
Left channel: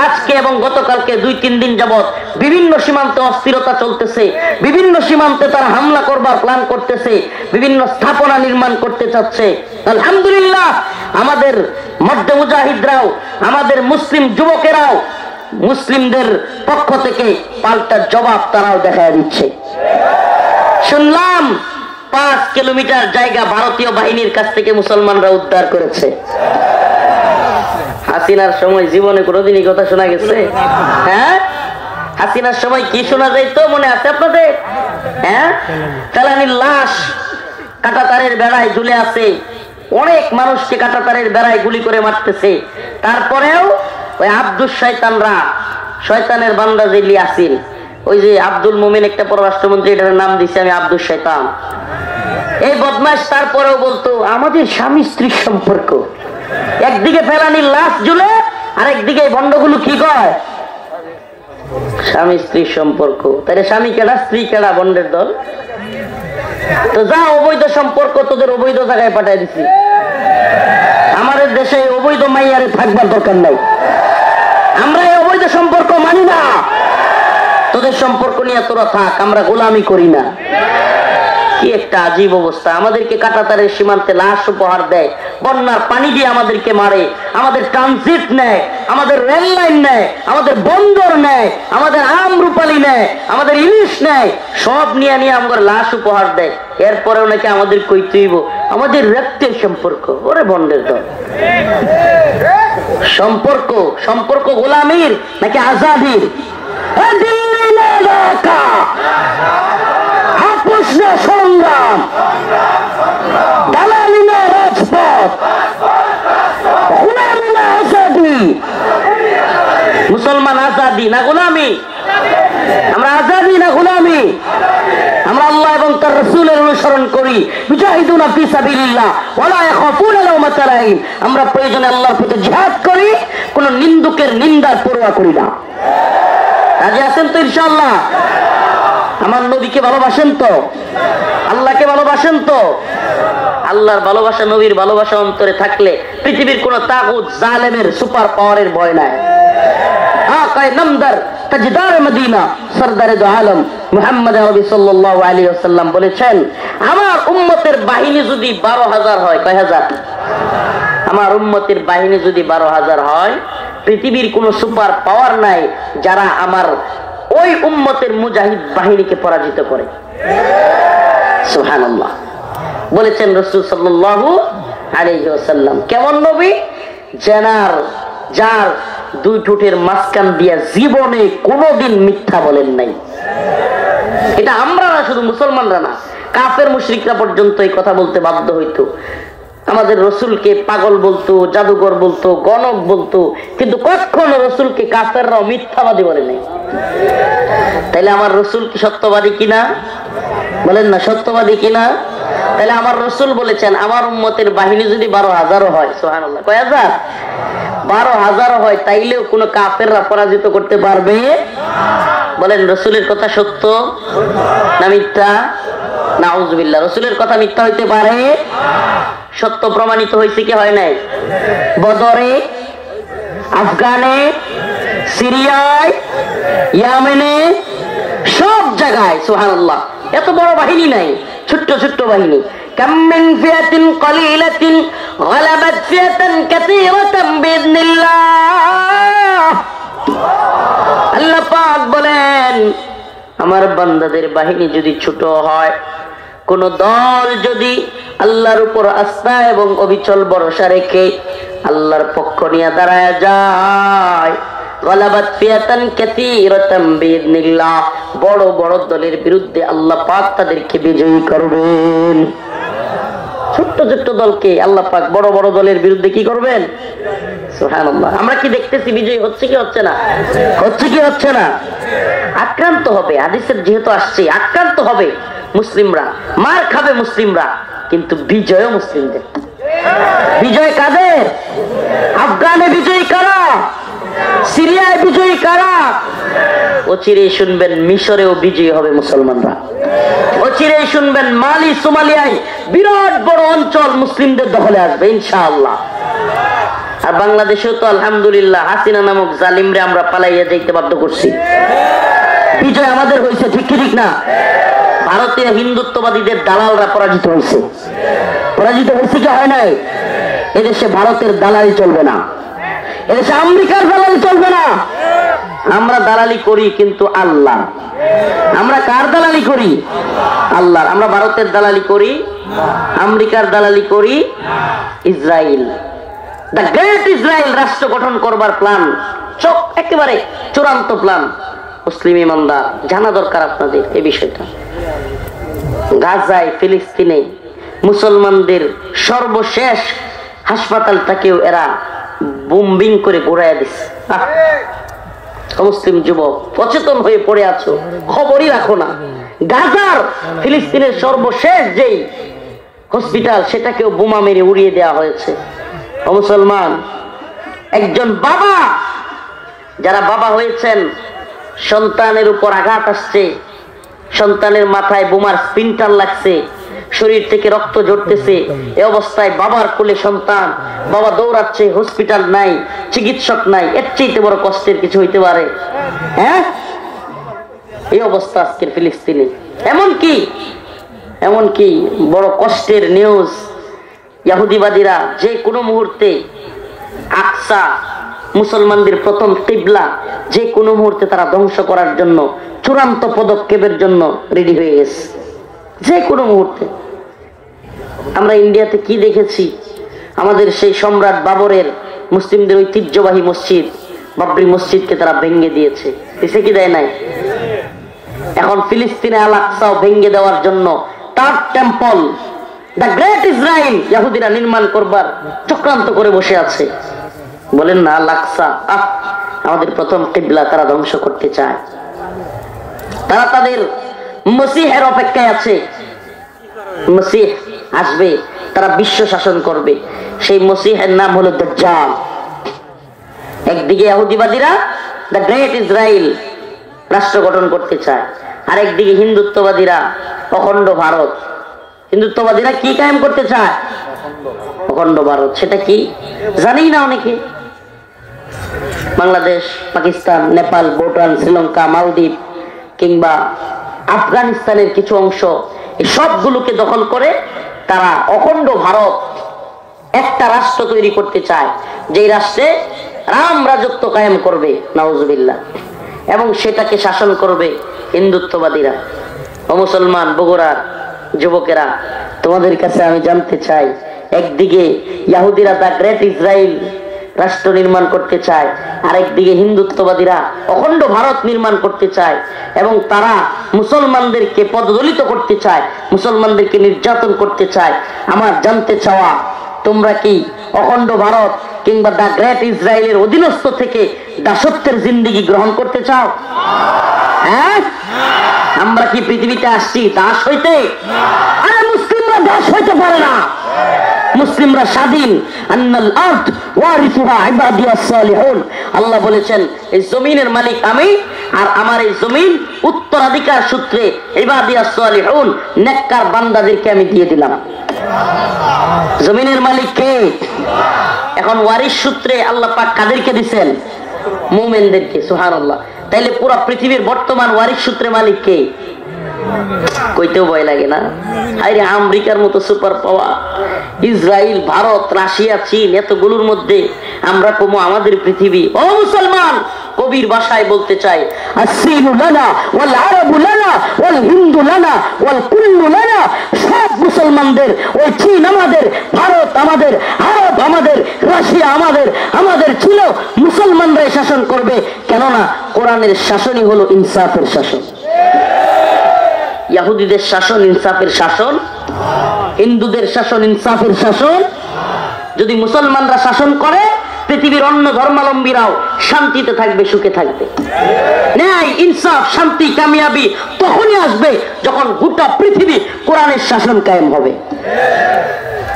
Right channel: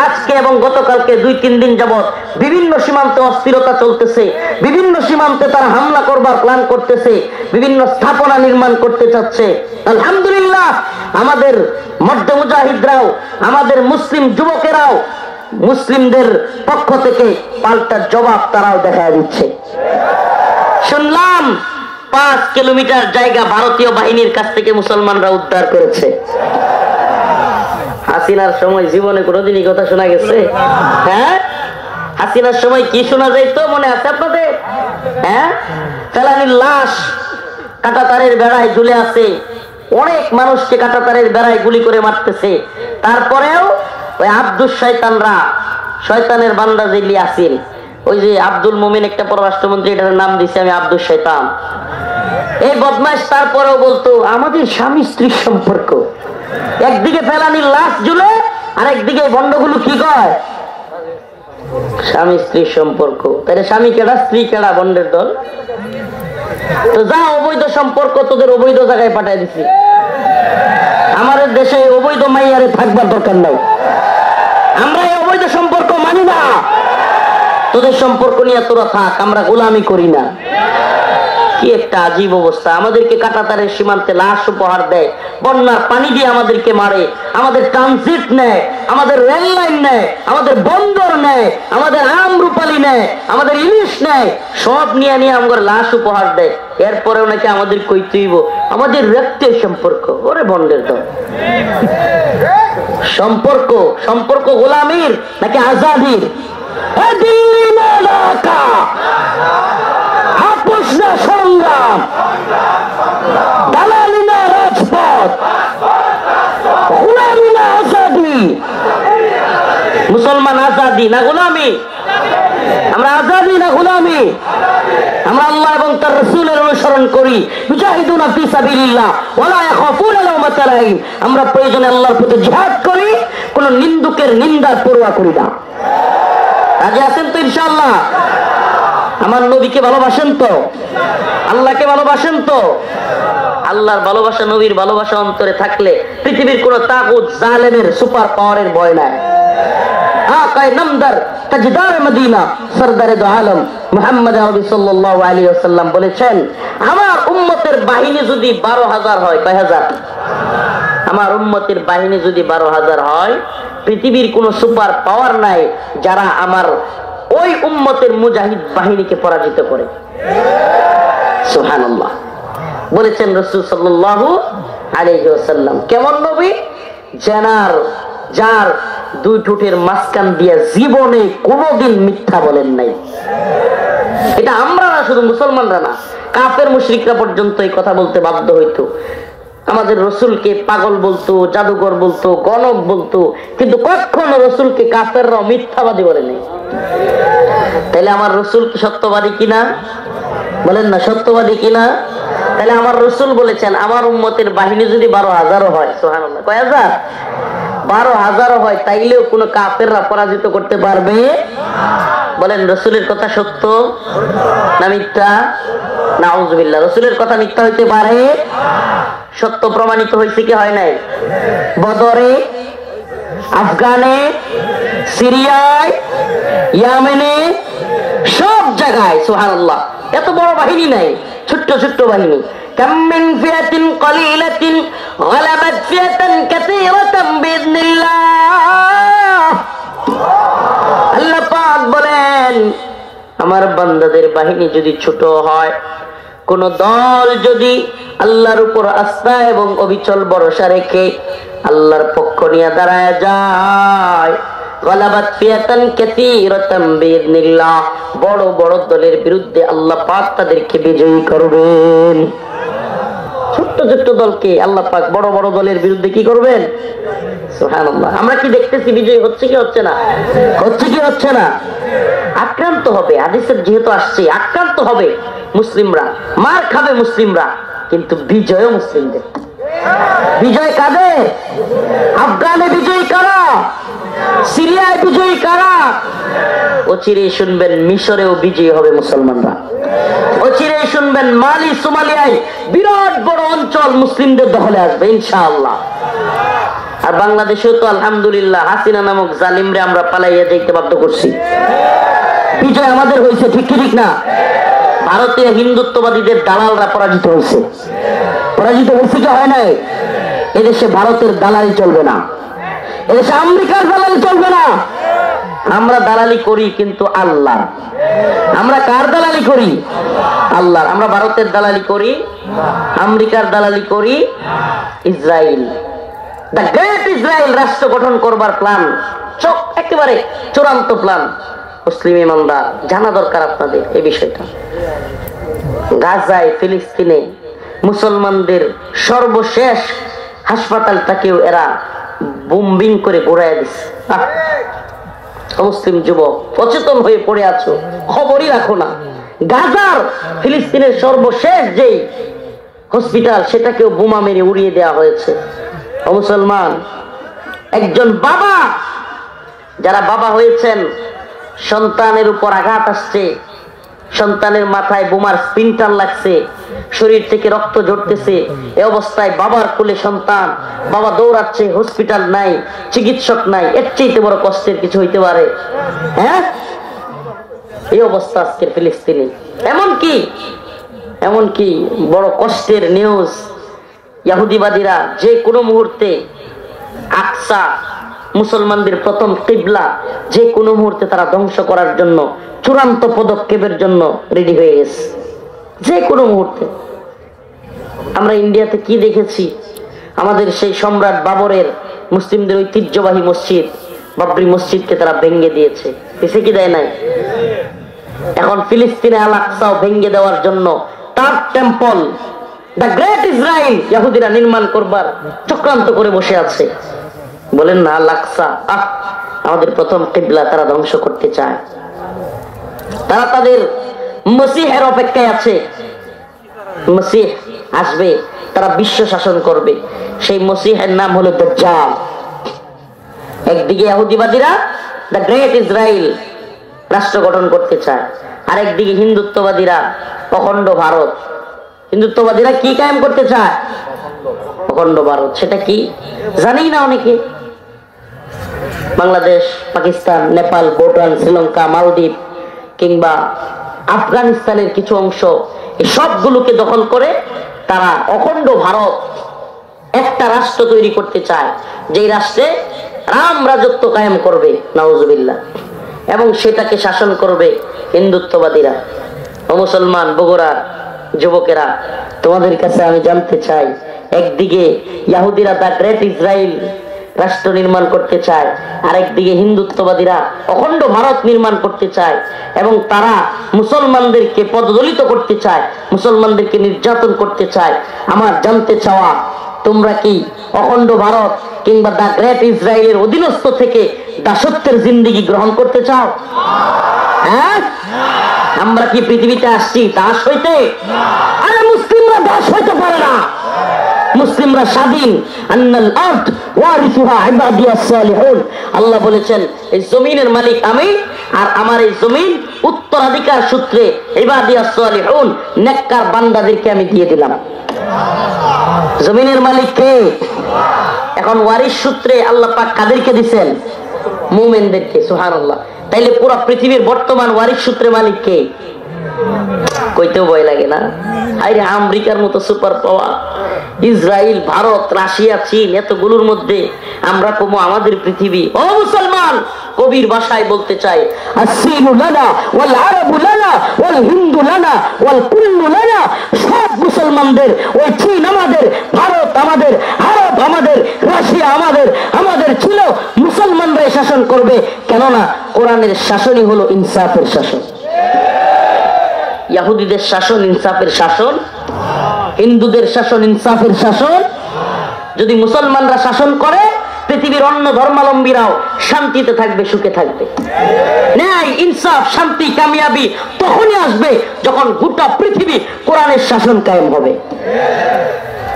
আজকে এবং গতকালকে 2-3 দিন যাবৎ বিভিন্ন সীমান্তে অস্থিরতা চলতেছে, বিভিন্ন সীমান্তে তারা হামলা করবার প্ল্যান করতেছে, বিভিন্ন স্থাপনা নির্মাণ করতে চাচ্ছে। আলহামদুলিল্লাহ, আমাদের মধ্য মুজাহিদরাও, আমাদের মুসলিম যুবকেরাও মুসলিমদের পক্ষ থেকে পাল্টা জবাব তারাও দেখা দিচ্ছে। শুনলাম 5 কিলোমিটার জায়গা ভারতীয় বাহিনীর কাছ থেকে মুসলমানরা উদ্ধার করেছে। হাসিনার সময় জীবনে কোনোদিনই কথা শোনা গেছে? হ্যাঁ, হাসিনার সময় কি শোনা যাইতো মনে আছে আপনাদের? হ্যাঁ, ফেলানির লাশ কাঁটাতারের বেড়ায় ঝুলে আছে, অনেক মানুষকে কাঁটাতারের বেড়ায় গুলি করে মারতেছে। তারপরেও ওই আব্দুল শয়তানরা, শয়তানের বান্দা যে ইয়াসিন, ওই যে আব্দুল মোমেন একটা পররাষ্ট্রমন্ত্রী, এটার নাম দিছে আমি আব্দুল শয়তান, এই বদমাশ তারপরেও বলতো আমাদের স্বামী স্ত্রীর সম্পর্ক। একদিকে ফেলানির লাশ ঝুলে, আর একদিকে বন্ডগুলো কি কয় স্বামী স্ত্রীর সম্পর্ক। তাহলে স্বামী কেডা, স্ত্রী কেডা, বন্ডের দল? তো যা অবৈধ সম্পর্ক তোদের অবৈধ জায়গায় পাঠাই দিছি। আমাদের দেশে অবৈধ মাইয়ারে থাকবার দরকার নাই, আমরা এই অবৈধ সম্পর্ক মানি না। তোদের সম্পর্ক নিয়ে তোরা থাক, আমরা গোলামি করি না। কি একটা আজীব অবস্থা। আমাদেরকে কাঁটাতারের সীমান্তে লাশ উপহার দেয়, বন্যার পানি দিয়ে আমাদেরকে মারে, আমাদের ট্রানজিট নেয়, আমাদের রেল লাইন নেয়, আমাদের বন্দর নেয়, আমাদের আম রূপালী নেয়, আমাদের ইলিশ নেয়, সব নিয়ে নিয়ে আমাদের লাশ উপহার দেয়। এরপরেও নাকি আমাদের কইতেইব আমাদের রক্তের সম্পর্ক। ওরে বন্ডের দল, সম্পর্ক সম্পর্ক গোলামির নাকি আজাদির? সংগ্রাম, দালালি না রাজপথ, গোলামি না আজাদি। মুসলমান আজাদি না গোলামি? আমরা আজাদি না গোলামি? আমরা আল্লাহ এবং তার রাসূলের অনুসরণ করি। মুজাহিদুনা ফি সাবিলিল্লাহ ওয়ালা ইয়াখাফুনা লাওমাতা লাইম। আমরা প্রয়োজনে আল্লাহর পথে জিহাদ করি, কোন নিন্দুকের নিন্দার পরোয়া করি না। রাজি আছেন তো ইনশাআল্লাহ? আমার নবীকে ভালোবাসেন তো? আল্লাহকে ভালোবাসেন তো? আল্লাহর ভালোবাসা, নবীর ভালোবাসা অন্তরে থাকলে পৃথিবীর কোন তাগুত জালেমের সুপার পাওয়ারের ভয় নাই। আকায়ে নামদার তাজদার মদিনা সরদারে দো আলম মুহাম্মদ আরবি সাল্লাল্লাহু আলাইহি ওয়াসাল্লাম বলেছেন, আমার উম্মতের বাহিনী যদি 12,000 হয়, কয় হাজার? আমার উম্মতের বাহিনী যদি 12,000 হয়, পৃথিবীর কোন সুপার পাওয়ার নাই যারা আমার ওই উম্মতের মুজাহিদ বাহিনীকে পরাজিত করে। সুবহানাল্লাহ। বলেছেন রাসূল সাল্লাল্লাহু আলাইহি ওয়াসাল্লাম। কেমন নবী? যার দুই ঠোঁটের মাঝখান দিয়ে জীবনে কোনোদিন মিথ্যা বলেন নাই। এটা আমরা না, শুধু মুসলমানরা না, কাফের মুশরিকরা পর্যন্ত এই কথা বলতে বাধ্য হইতো। আমাদের রসুলকে পাগল বলতো, জাদুঘর বলতো, গণক বলতো, কিন্তু কখনো রসুলকে কাফেররাও মিথ্যাবাদী বলে নাই। তাইলে আমার রসুল কি সত্যবাদী কিনা? বলেন না, সত্যবাদী কিনা? তাহলে আমার রসুল বলেছেন, আমার উম্মতের বাহিনী যদি 12,000 হয়, সুবহানাল্লাহ, কয় হাজার? 12,000 হয়, তাইলেও কোন কাফেররা পরাজিত করতে পারবে? বলেন, রসুলের কথা সত্য না মিথ্যা? নাউযুবিল্লাহ। রসুলের কথা মিথ্যা হইতে পারে? সত্য প্রমাণিত হয়েছে কি হয় নাই? বদরে, আফগানে, সিরিয়ায়, ইয়ামেনে, সব জায়গায়। সুবহানাল্লাহ। এত বড় বাহিনী নাই, ছোট্ট ছোট্ট বাহিনী। কাম মিন ফিয়াতিন কলিলাতিন গালাবাত ফিয়াতান কাসীরাতান বিইذنিল্লাহ। আল্লাহ পাক বলেন, আমার বান্দাদের বাহিনী যদি ছোট হয়, কোন দল যদি আল্লাহর উপর আস্থা এবং অবিচল ভরসা রেখে আল্লাহর পক্ষ নিয়ে দাঁড়ায় যায়, গালাবাত ফিয়াতান কাসীরাতান বিইذنিল্লাহ, বড় বড় দলের বিরুদ্ধে আল্লাহ পাক তাদেরকে বিজয়ী করবেন। ছোট্ট ছোট্ট দলকে আল্লাহ পাক বড় বড় দলের বিরুদ্ধে কি করবেন? সুবহানাল্লাহ। আমরা কি দেখতেছি বিজয় হচ্ছে কি হচ্ছে না? হচ্ছে কি হচ্ছে না? আক্রান্ত হবে, হাদিসের যেহেতু আসছে, আক্রান্ত হবে মুসলিমরা, মার খাবে মুসলিমরা, কিন্তু বিজয় মুসলিমদের। বিজয় কাদের? আফগানে বিজয়ী কারা? সিরিয়ায় বিজয়ী কারা? অচিরেই শুনবেন মিশরেও বিজয়ী হবে মুসলমানরা। অচিরেই শুনবেন মালি, সোমালিয়ায় বিরাট বড় অঞ্চল মুসলিমদের দখলে আসবে ইনশাআল্লাহ। আর বাংলাদেশেও তো আলহামদুলিল্লাহ হাসিনা নামক জালিমরে আমরা পালাইয়া যাইতে বাধ্য করছি। বিজয় আমাদের হয়েছে, ঠিক ঠিক না? ভারতীয় হিন্দুত্ববাদীদের দালালরা পরাজিত হয়েছে। পরাজিত হয়েছে কি হয় নাই? এদেশে ভারতের দালালি চলবে না, এদেশে আমেরিকার দালালি চলবে না। আমরা দালালি করি কিন্তু আল্লাহ। আমরা কার দালালি করি? আল্লাহ। আমরা ভারতের দালালি করি, আমেরিকার দালালি করি, ইসরায়েল, দ্য গ্রেট ইসরায়েল রাষ্ট্র গঠন করবার প্ল্যান, একেবারে চূড়ান্ত প্ল্যান। মুসলিম ইমানদার জানা দরকার আপনাদের এই বিষয়টা। গাজায়, ফিলিস্তিনে মুসলমানদের সর্বশেষ হাসপাতালটাকেও এরা বোম্বিং করে ঘুরাইয়া দিচ্ছে। মুসলিম যুবক সচেতন হয়ে পড়ে আছো, খবরই রাখো না। গাজার, ফিলিস্তিনের সর্বশেষ যেই হসপিটাল, সেটাকেও বোমা মেরে উড়িয়ে দেওয়া হয়েছে। মুসলমান, একজন বাবা, যারা বাবা হয়েছেন, সন্তানের উপর আঘাত আসছে, সন্তানের মাথায় বোমার স্পিনটার লাগছে, শরীর থেকে রক্ত ঝরতেছে, এই অবস্থায় বাবার কোলে সন্তান, বাবা দৌড়াচ্ছে, হসপিটাল নাই, চিকিৎসক নাই, এর চেয়ে বড় কষ্টের কিছু হইতে পারে? হ্যাঁ, এই অবস্থা আজকের ফিলিস্তিনে। এমনকি বড় কষ্টের নিউজ, ইহুদিবাদীরা যে কোনো মুহূর্তে আকসা, মুসলমানদের প্রথম কিবলা, যে কোনো মুহূর্তে তারা ধ্বংস করার জন্য চূড়ান্ত পদক্ষেপের জন্য রেডি হয়ে গেছে, যে কোনো মুহূর্তে। আমরা ইন্ডিয়াতে কি দেখেছি? আমাদের সেই সম্রাট বাবরের মুসলিমদের ঐতিহ্যবাহী মসজিদ বাবরি মসজিদকে তারা ভেঙে দিয়েছে, দেশে কি দেয় নাই? এখন ফিলিস্তিনে আল আকসাও ভেঙে দেওয়ার জন্য তার টেম্পল, দ্য গ্রেট ইসরায়েল, ইহুদিরা নির্মাণ করবার চক্রান্ত করে বসে আছে। বলেন না, আল আকসা আমাদের প্রথম কিবলা, তারা ধ্বংস করতে চায়। তারা তাদের মসিহের অপেক্ষায় আছে। মসিহ আসবে, তারা বিশ্ব শাসন করবে। সেই মসিহের নাম হলো দাজ্জাল। একদিকে ইহুদিবাদীরা দ্য গ্রেট ইসরায়েল, রাষ্ট্র গঠন করতে চায়, আরেকদিকে হিন্দুত্ববাদীরা অখণ্ড ভারত। হিন্দুত্ববাদীরা কি কায়েম করতে চায়? অখণ্ড ভারত। সেটা কি জানি না অনেকে। বাংলাদেশ, পাকিস্তান, নেপাল, ভুটান, শ্রীলঙ্কা, মালদ্বীপ কিংবা আফগানিস্তানের কিছু অংশ, এই সবগুলোকে দখল করে তারা অখণ্ড ভারত একটা রাষ্ট্র তৈরি করতে চায়, যেই রাষ্ট্রে রাম রাজত্ব কায়েম করবে, নাউজুবিল্লাহ, এবং সেটাকে শাসন করবে হিন্দুত্ববাদীরা। ও মুসলমান বগুড়া যুবকেরা, তোমাদের কাছে আমি জানতে চাই, একদিকে ইহুদিরা দা গ্রেট ইসরায়েল রাষ্ট্র নির্মাণ করতে চায়, আরেকদিকে হিন্দুত্ববাদীরা অখণ্ড ভারত নির্মাণ করতে চায়, এবং তারা মুসলমানদেরকে পদদলিত করতে চায়, মুসলমানদেরকে নির্যাতন করতে চায়। আমার জানতে চাওয়া, তোমরা কি অখণ্ড ভারত কিংবা দা গ্রেট ইসরায়েলের অধীনস্থ থেকে দাসত্বের জিন্দেগি গ্রহণ করতে চাও? হ্যাঁ, আমরা কি পৃথিবীতে আসছি দাস হইতে? আরে মুসলিমরা দাস হইতে পারে না, মুসলিমরা স্বাধীন। আন্নাল আরদ ওয়ারিসুহা ইবাদিয়াস সালিহুন, আল্লাহ বলেছেন এই জমিনের মালিক আমি, আর আমার এই জমিন উত্তরাধিকার সূত্রে ইবাদিয়াস সালিহুন, নেককার বান্দাদেরকে আমি দিয়ে দিলাম। জমিনের মালিক কে? এখন ওয়ারিস সূত্রে আল্লাহ পাক কাদেরকে দিবেন? মুমিনদেরকে। সুবহানাল্লাহ। তাইলে পুরো পৃথিবীর বর্তমান ওয়ারিস সূত্রে মালিক কে? কইতেও ভয় লাগে না? আরে আমেরিকার মতো super power, Israel, Bharat, Russia, চীন, এতগুলোর মধ্যে আমরা কমো আমাদের পৃথিবী। ও মুসলমান, কবির ভাষায় বলতে চাই, আসসিনু লানা ওয়াল আরাবু লানা ওয়াল হিন্দু লানা ওয়াল কুল্লু লানা। সব মুসলমানদের, ওই চীন আমাদের, ভারত আমাদের, আরব আমাদের, রাশিয়া আমাদের। আমাদের ছিল মুসলমানরাই শাসন করবে, কেননা কোরআনের শাসনই হলো ইনসাফের শাসন। ইহুদিদের শাসন ইনসাফের শাসন, হিন্দুদের শাসন ইনসাফের শাসন। যদি মুসলমানরা শাসন করে, পৃথিবীর অন্য ধর্মাবলম্বীরাও শান্তিতে থাকবে, সুখে থাকবে। ন্যায়, ইনসাফ, শান্তি, কামিয়াবি তখনই আসবে যখন গোটা পৃথিবী কোরআনের শাসন কায়েম হবে।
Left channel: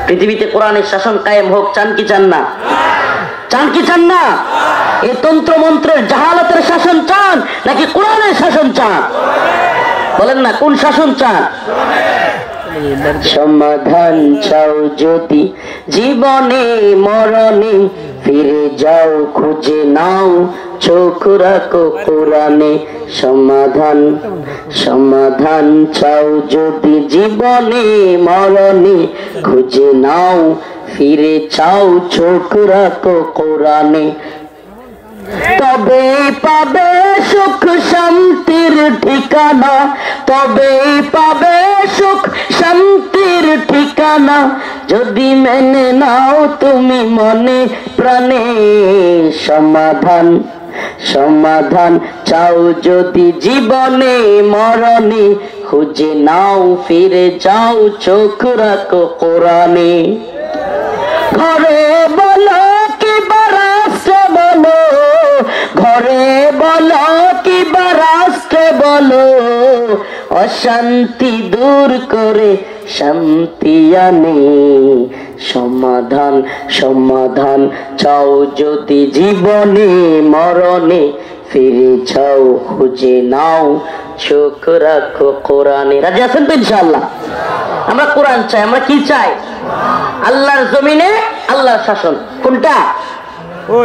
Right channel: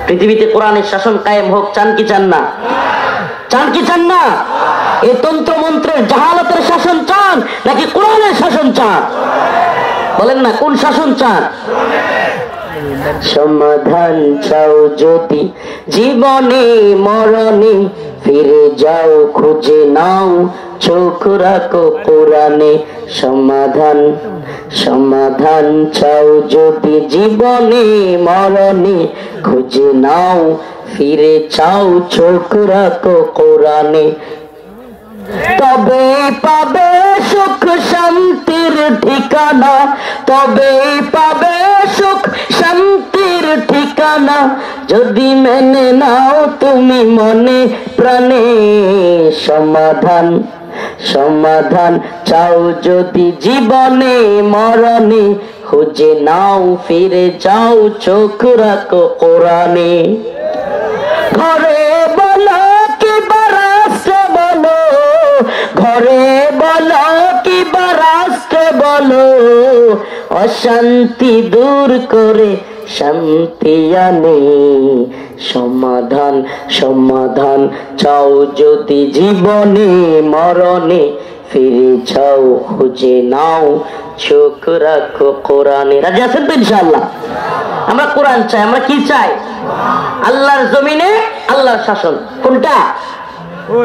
পৃথিবীতে কোরআনের শাসন কায়েম হোক, চান কি চান না? চান কি চান না? এই তন্ত্র মন্ত্রের জাহালাতের শাসন চান নাকি কোরআনের শাসন চান? বলেন না, কোন শাসন চান? সমাধান চাও যদি জীবনে মরণে, ফিরে যাও খুঁজে নাও, চোখ রাখো কোরআনে। সমাধান, সমাধান চাও যদি জীবনে মরণে, খুঁজে নাও, ফিরে চাও, চোখ রাখো কোরআনে। তবে পাবে সুখ শান্তির ঠিকানা, তবে পাবে সুখ শান্তির ঠিকানা, যদি মেনে নাও তুমি মনে প্রাণে। সমাধান, সমাধান চাও যদি জীবনে মরণে, খুঁজে নাও, ফিরে যাও, চোখ রাখো কোরআনে। ঘরে বলো কি বারাস্তে বলো, ঘরে বলো কি বারাস্তে বলো, অশান্তি দূর করে শান্তি আনে। সমাধান, সমাধান চাও যদি জীবনে মরণে, ফিরে যাও, খুঁজে নাও, চোখ রাখো কোরআনে। রাজি আছেন তো ইনশাআল্লাহ? আমরা কোরআন চাই। আমরা কি চাই? আল্লাহর জমিনে আল্লাহর শাসন। কোনটা?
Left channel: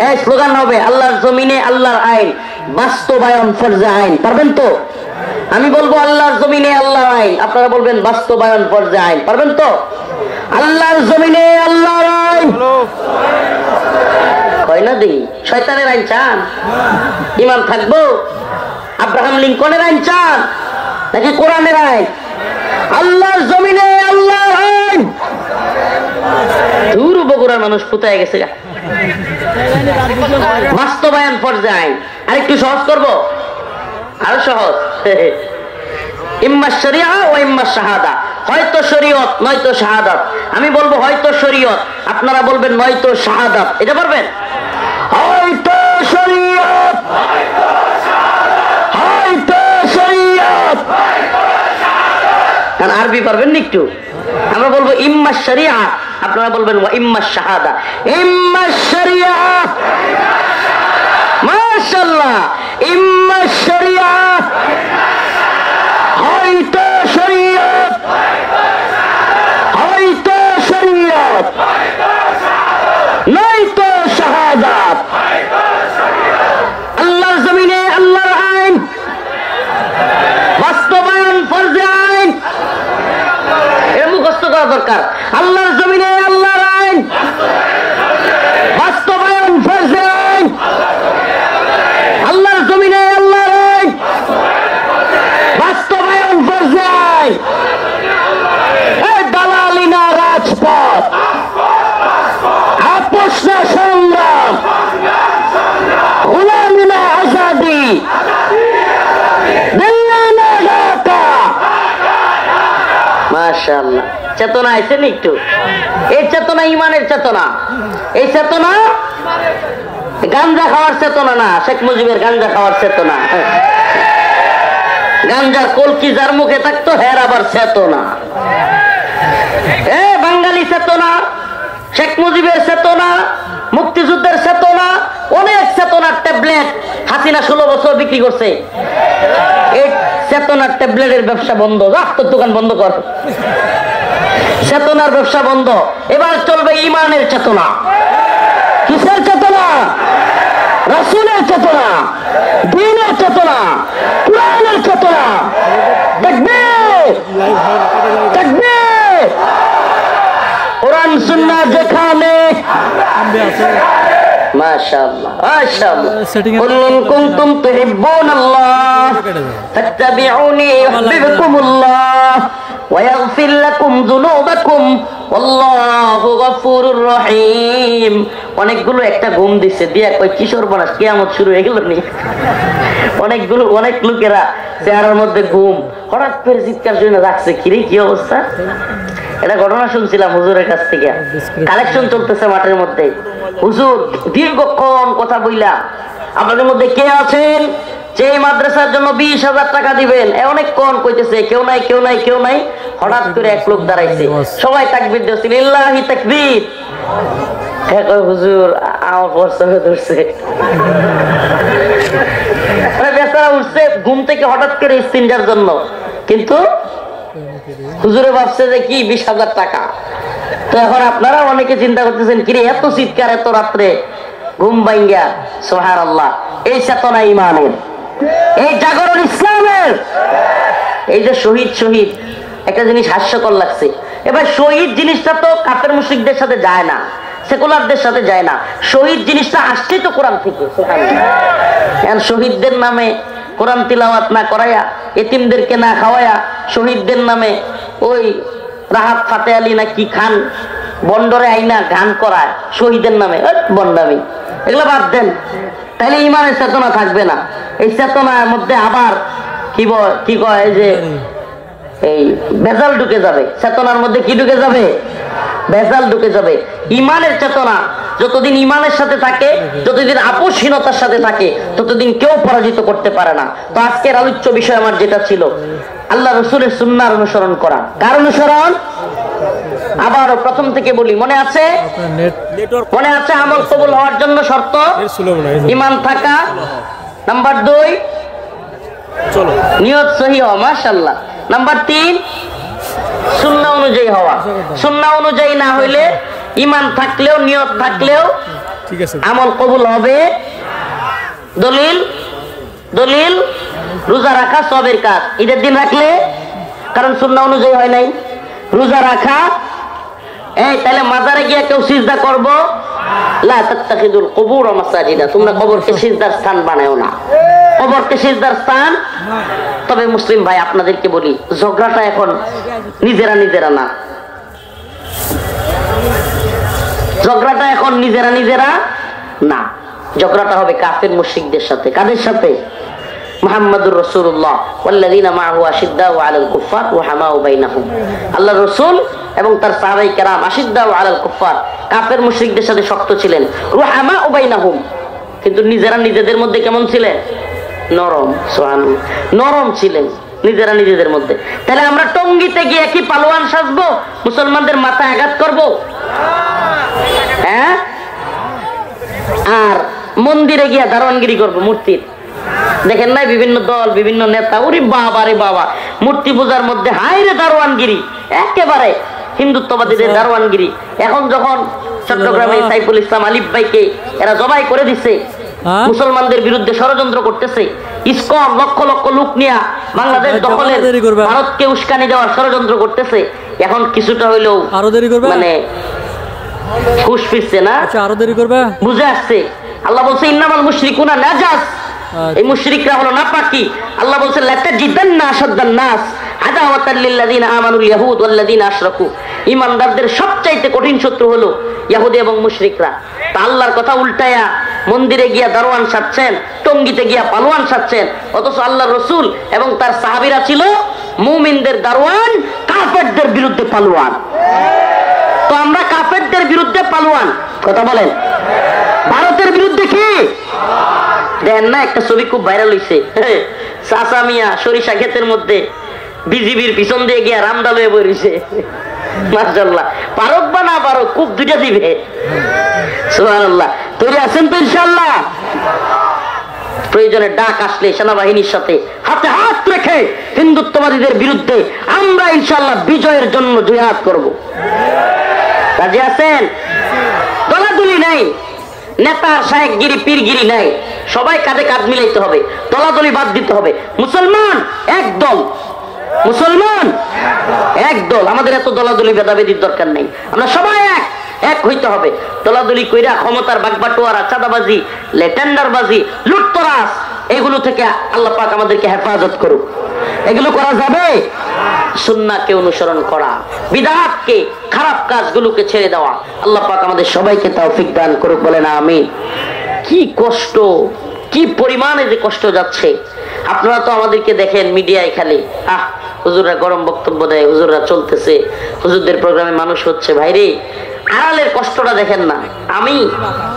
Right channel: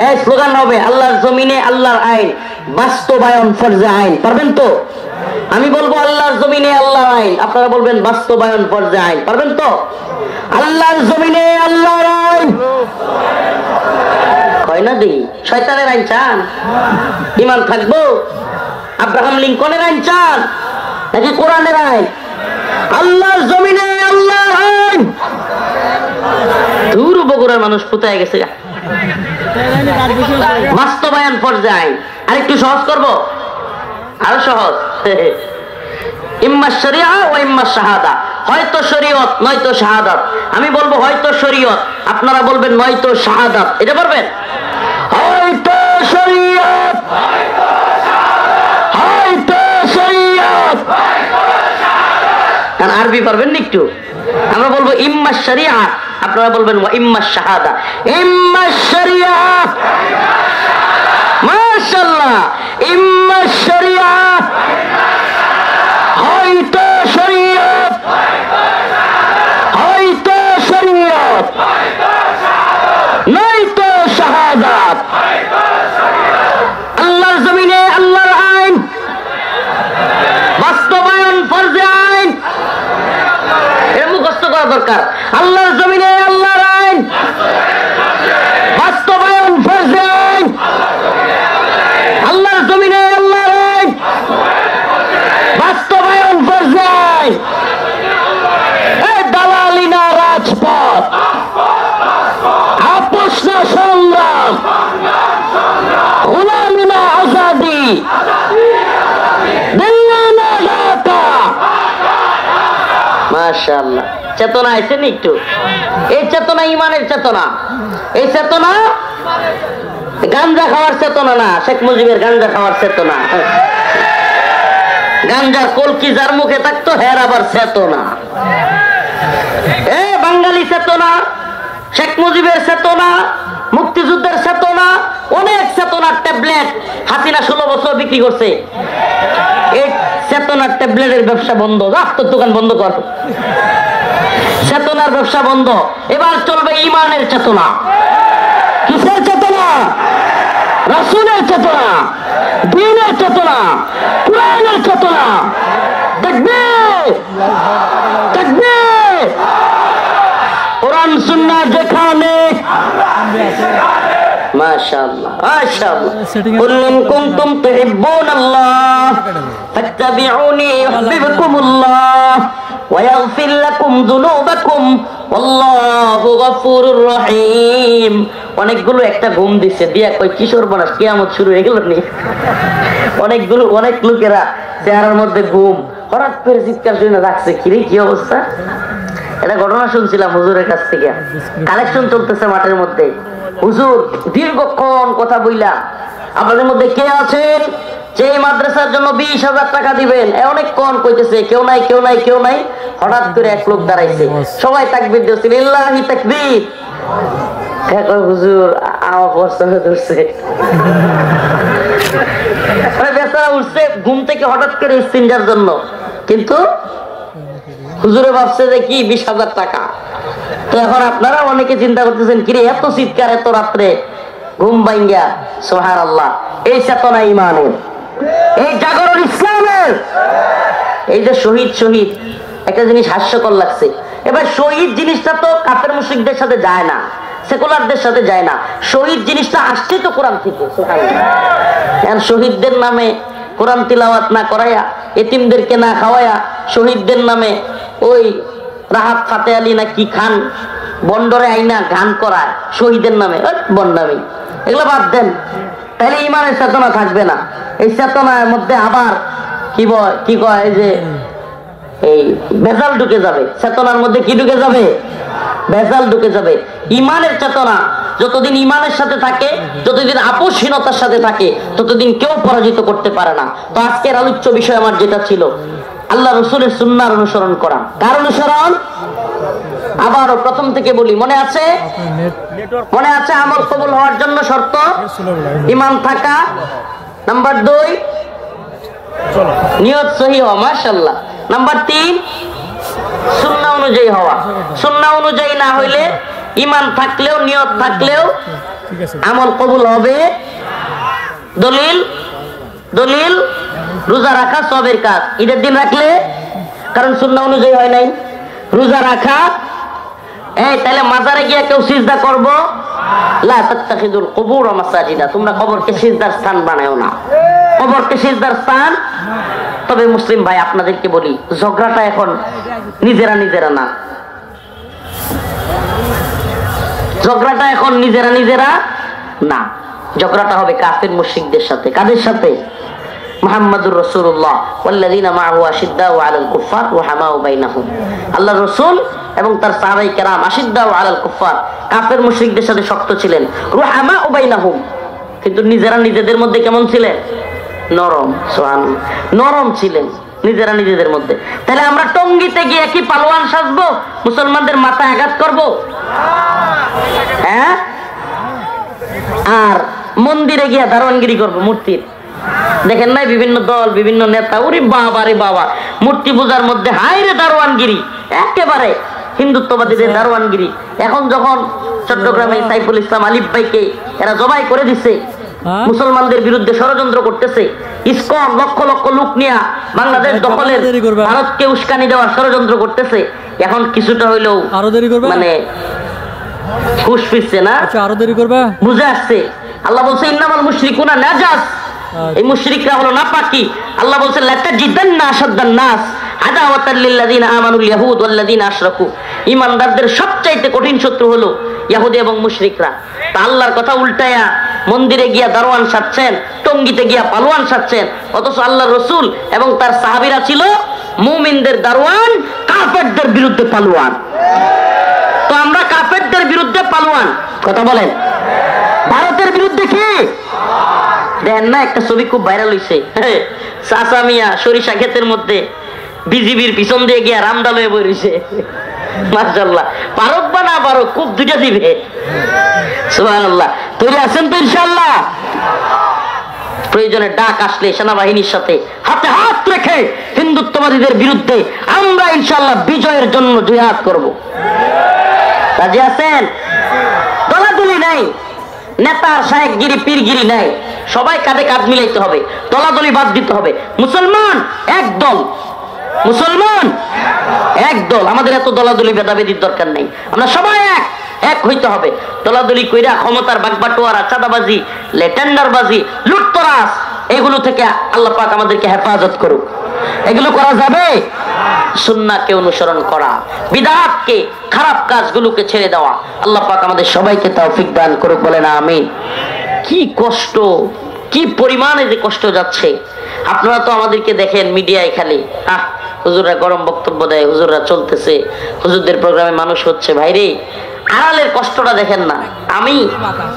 এই স্লোগান হবে, আল্লাহর জমিনে আল্লাহর আইন, বাস্তবায়ন ফরজে আইন। পারবেন তো? আমি বলবো আল্লাহর জমিনে আল্লাহর আইন, আপনারা বলবেন বাস্তবায়ন ফরজে আইন। পারবেন তো? আল্লাহর জমিনে আল্লাহর আইন। হয় না দেখি? শয়তানের আইন চান? ইমাম থাকবো? আব্রাহাম লিঙ্কনের আইন চান নাকি কোরআনের আইন? আল্লাহর জমিনে আল্লাহর আইন। দূর বগুড়ার মানুষ কোথায় গেছে? বাস্তবায়ন ফরজে আইন। আরেকটু সহজ করবো, আরো সহজ। ইম্মা শরিয়া ও ইম্মা শাহাদা, হয়তো শরীয়ত নয়তো শাহাদাত। আমি বলবো হয়তো শরীয়ত, আপনারা বলবেন নয়তো শাহাদাত। এটা পারবেন? হয়তো শরীয়ত, হয়তো শরীয়ত। কারণ আরবি পারবেন না একটু? আমরা বলবো ইম্মা শরিয়া, আপনারা বলবেন ওয়া ইম্মা শাহাদা। ইম্মা শরিয়া, মাশাআল্লাহ, ইম্মা শরিয়া আল্লাহর জমিনে আল্লাহর আইন বাস্তবায়ন ফরজ আইন। আল্লাহর জমিনে আল্লাহর আইন বাস্তবায়ন ফরজ আইন। এই দালালি না রাজপথ, আপোষ না সংগ্রাম, গোলামি না আজাদি, দিল্লি না ঢাকা। মাশাআল্লাহ, চেতনা আছেন একটু। এই চেতনা ইমানের চেতনা। এই চেতনা গাঞ্জা খাওয়ার চেতনা না, শেখ মুজিবের গাঞ্জা খাওয়ার চেতনা। গাঞ্জার কলকি যার মুখে থাকতো হের আবার চেতনা। বাঙালি চেতনা, শেখ মুজিবের চেতনা, মুক্তিযুদ্ধের চেতনা, অনেক চেতনার ট্যাবলেট হাসিনা 16 বছর বিক্রি করছে। এই চেতনার ট্যাবলেটের ব্যবসা বন্ধ, তোর দোকান বন্ধ কর। চেতনার ব্যবসা বন্ধ। এবার চলবে ইমানের চেতনা। কিসের চেতনা? রাসূলের চেতনা, দ্বীনের চেতনা, কোরআনের চেতনা। তাকবীর, তাকবীর। কোরআন সুন্নাহ যেখানে। মাশাআল্লাহ, মাশাআল্লাহ। কুল ইন কুনতুম তুহিব্বুনাল্লাহ ফাত্তাবিউনি ইউহিব্বুকুমুল্লাহ ওয়া ইয়াগফির লাকুম যুনুবাকুম ওয়াল্লাহু গফুরুর রহিম। অনেকগুলো একটা ঘুম দিছে দিয়া কই কিশোর বয়স কিয়ামত শুরু হয়ে গেল নি। অনেকগুলো অনেক লোকেরা চেহারার মধ্যে ঘুম, হঠাৎ করে চিৎকার শুনে রাখছে, কিরে কি অবস্থা? এটা ঘটনা শুনছিলাম হুজুরের কাছ থেকে। কালেকশন চলতেছে মাঠের মধ্যে। হুজুর দীর্ঘক্ষণ কথা বইলা, আপনাদের মধ্যে কে আছেন যে মাদ্রাসার জন্য 20,000 টাকা দিবেন? অনেকক্ষণ কইতেছে কেউ নাই, কেউ নাই, কেউ নাই। হঠাৎ করে এক লোক দাঁড়াইছে, সবাই তাকবীর দিচ্ছে, লিল্লাহি তাকবীর। হুজুর আমার প্রশ্ন ধরছে, বেচারা উঠছে ঘুম থেকে হঠাৎ করে ইস্তিনজার জন্য, কিন্তু হুজুরে ভাবছে যে কি 20,000 টাকা। তো এখন আপনারা অনেকে চিন্তা করতেছেন, কিরে এত চিৎকার এত রাত্রে ঘুম ভাঙ্গা। সুবহানাল্লাহ, এই চেতনা ইমানের, এই জাগরণ ইসলামের। এই যে শহীদ শহীদ, একটা জিনিস হাস্যকর লাগছে। এবার শহীদ জিনিসটা তো কাফের মুশরিকদের সাথে যায় না, সেকুলারদের সাথে যায় না। শহীদ জিনিসটা আসছে তো কোরআন থেকে। সুবহানাল্লাহ, শহীদদের নামে কোরআন তিলাওয়াত না করায়া, এতিমদেরকে না খাওয়ায়া, শহীদদের নামে ওই রাহাত ফাতে আলী না কি খান বন্ডরে আইনা গান করায় শহীদের নামে, বন্ডামি। এগুলো বাদ দেন, তাহলে ইমানের চেতনা থাকবে না। এই চেতনার মধ্যে আবার কি কয় যে এই ভেজাল ঢুকে যাবে। চেতনার মধ্যে কি ঢুকে যাবে? ভেজাল ঢুকে যাবে। ইমানের চেতনা যতদিন ইমানের সাথে থাকে, যতদিন আপোষহীনতার সাথে থাকে, ততদিন কেউ পরাজিত করতে পারে না। তো আজকের আলোচ্য বিষয় আমার যেটা ছিল, আল্লাহ রাসূলের সুন্নাহর অনুসরণ করা। কার অনুসরণ? আবার প্রথম থেকে বলি, মনে আছে? মনে আছে? আমল কবুল হওয়ার জন্য শর্ত ঈমান থাকা। নাম্বার 2 নিয়ত সহি হওয়া। মাশাআল্লাহ। নাম্বার 3 সুন্নাহ অনুযায়ী হওয়া। সুন্নাহ অনুযায়ী না হইলে ঈমান থাকলেও নিয়ত থাকলেও আমল কবুল হবে। দলিল দলিল রোজা রাখা সবের কাজ, ঈদের দিন রাখলে, কারণ সুন্নাহ অনুযায়ী হয় নাই। রোজা রাখা, তাহলে মাজারে গিয়ে কেউ সিজদা করবো, লা তাত্তাখিযুল কুবুর মাসাজিদা, তোমরা কবরকে সিজদার স্থান বানায়ো না। কবরকে সিজদার স্থান। তবে মুসলিম ভাই আপনাদেরকে বলি, ঝগড়াটা এখন নিজেরা নিজেরা না, ঝগড়াটা এখন নিজেরা নিজেরা না, ঝগড়াটা হবে কাফের মুশরিকদের সাথে। কাদের সাথে? মুহাম্মাদুর রাসূলুল্লাহ ওয়াল্লাযীনা মাআহু আশিদ্দাউ আলাল কুফফার রুহামাউ বাইনাহুম। আল্লাহর রাসূল এবং তার সাহাবায়ে কেরাম আশিদ্দাউ আলাল কুফফার, কাফের মুশরিকদের সাথে শক্ত ছিলেন। রুহামাউ বাইনাহুম, কিন্তু নিজেরা নিজেদের মধ্যে কেমন ছিলেন? নরম। সুবহানাল্লাহ, নরম ছিলেন নিজেরা নিজেদের মধ্যে। তাহলে আমরা টঙ্গিতে গিয়ে কি পালোয়ান সাজবো? মুসলমানদের মাথায় আঘাত করবো? হ্যাঁ? আর মন্দিরে গিয়ে দারোয়ানগিরি করবো মূর্তির? দেখেন নাই বিভিন্ন দল, বিভিন্ন নেতা, ওরে বাবা রে বাবা, মূর্তি পূজার মধ্যে হায়রে দারোয়ানগিরি, একেবারে হিন্দুত্ববাদীদের দারোয়ানগিরি। এখন যখন চট্টগ্রামে সাইফুল ইসলাম আলিফ ভাইকে এরা জবাই করে দিছে, মুসলমানদের বিরুদ্ধে ষড়যন্ত্র করতেছে, ইসকন লক্ষ লক্ষ লোক নিয়ে বাংলাদেশ দখলের ভারতকে উস্কানি দেওয়ার ষড়যন্ত্র করতেছে। এখন কিছুটা হইলেও আরো দেরি করবে, মানে হুশ ফিরছে না। আচ্ছা আরো দেরি করবে, বুঝে আসছে। আল্লাহ বলছে ইন্নামাল মুশরিকুনা নাজাস, এই মুশরিকরা হলো নাপাকি। আল্লাহ বলছে লাতাজিদান্না আশাদ্দান নাস আদাওয়াতাল লিল্লাযিনা আমানুল ইয়াহুদ ওয়াল্লাযিনা আশরাকু, ঈমানদারদের সবচাইতে কঠিন শত্রু হলো ইহুদি এবং মুশরিকরা। তা আল্লাহর কথা উল্টায়া মন্দিরে গিয়া দারোয়ান সাজছেন, টঙ্গিতে গিয়া পালোয়ান সাজছেন, অথচ আল্লাহর রাসূল এবং তার সাহাবীরা ছিল মুমিনদের দারোয়ান, কাফেরদের বিরুদ্ধে পালোয়ান। তো আমরা কাফেরদের বিরুদ্ধে পালোয়ান, কথা বলেন। ভারতের বিরুদ্ধে কি দেখেন না, একটা ছবি খুব ভাইরাল হইছে, চাচা মিয়া সরিষা ক্ষেতের মধ্যে বিজিবির পিছন দিয়ে গিয়া রামডাল হয়ে বইছে। মাশাআল্লাহ, ভারত বা না ভারত খুব দুইটা দিবে। সুবহানাল্লাহ, তৈরি আছেন তো ইনশাআল্লাহ? প্রয়োজনে ডাক আসলে সেনাবাহিনীর সাথে হাতে হাত রেখে হিন্দুত্ববাদীদের বিরুদ্ধে আমরা ইনশাআল্লাহ বিজয়ের জন্য জিহাদ করব। রাজি আছেন? দলাদলি নাই, নেতার শায়েখগিরি পীরগিরি নাই, সবাই কাঁধে কাঁধ মিলাইতে হবে, দলাদলি বাদ দিতে হবে। মুসলমান এক দল, মুসলমান এক দল। আমাদের এত দলাদলি ভেদাভেদির দরকার নেই, আমরা সবাই এক হইতে হবে। দলাদলি কইরা ক্ষমতার বাগবাটোয়ারা, চাঁদাবাজি, টেন্ডারবাজি, লুটতরাজ, এগুলো থেকে আল্লাহ পাক আমাদেরকে হেফাজত করুক। এগুলো করা যাবে? সুন্নাহকে অনুসরণ করা, বিদআতকে, খারাপ কাজগুলোকে ছেড়ে দেওয়া। আল্লাহ পাক আমাদের সবাইকে তৌফিক দান করুক, বলেন আমিন। কি কষ্ট, কি পরিমাণে যে কষ্ট যাচ্ছে। আপনারা তো আমাদেরকে দেখেন মিডিয়ায় খালি হুজুররা গরম বক্তব্য দেয়, হুজুররা চলতেছে, হুজুরদের প্রোগ্রামে মানুষ হচ্ছে। ভাইরে আড়ালের কষ্টটা দেখেন না। আমি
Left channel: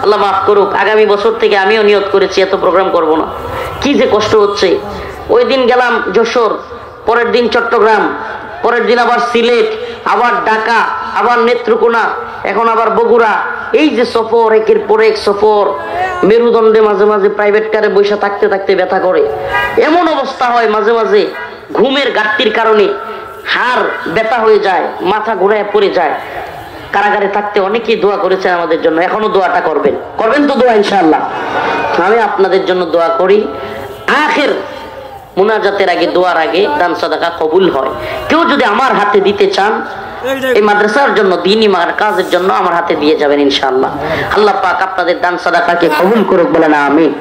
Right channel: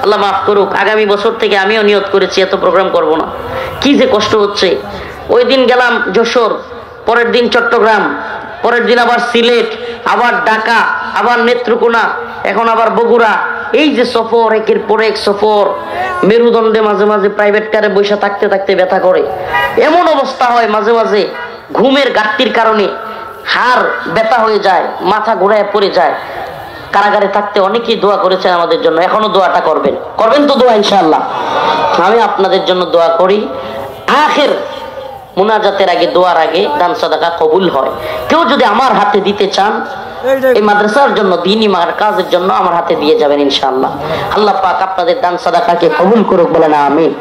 আল্লাহ মাফ করুক, আগামী বছর থেকে আমিও নিয়ত করেছি এত প্রোগ্রাম করব না। কি যে কষ্ট হচ্ছে। ওই দিন গেলাম যশোর, পরের দিন চট্টগ্রাম, পরের দিন আবার সিলেট, আবার ঢাকা, আবার নেত্রকোনা, এখন আবার বগুড়া। এই যে সফর, একের পর এক সফর, মেরুদণ্ডে মাঝে মাঝে প্রাইভেট কারে বসে থাকতে থাকতে ব্যথা করে। এমন অবস্থা হয় মাঝে মাঝে ঘুমের ঘাটতির কারণে হাড় ব্যথা হয়ে যায়, মাথা ঘুরায় পড়ে যায়। কারাগারে থাকতে অনেকেই দোয়া করেছেন আমাদের জন্য, এখনো দোয়াটা করবেন, করবেন তো দোয়া ইনশাআল্লাহ। আমি আপনাদের জন্য দোয়া করি, আখির মুনাজাতের আগে, দোয়ার আগে দান সাদাকা কবুল হয়। কেউ যদি আমার হাতে দিতে চান, এই মাদ্রাসার জন্য, দ্বীনি কাজের জন্য আমার হাতে দিয়ে যাবেন ইনশাআল্লাহ। আল্লাহ পাক আপনাদের দান সাদাকাকে কবুল করুক, বলেন আমিন।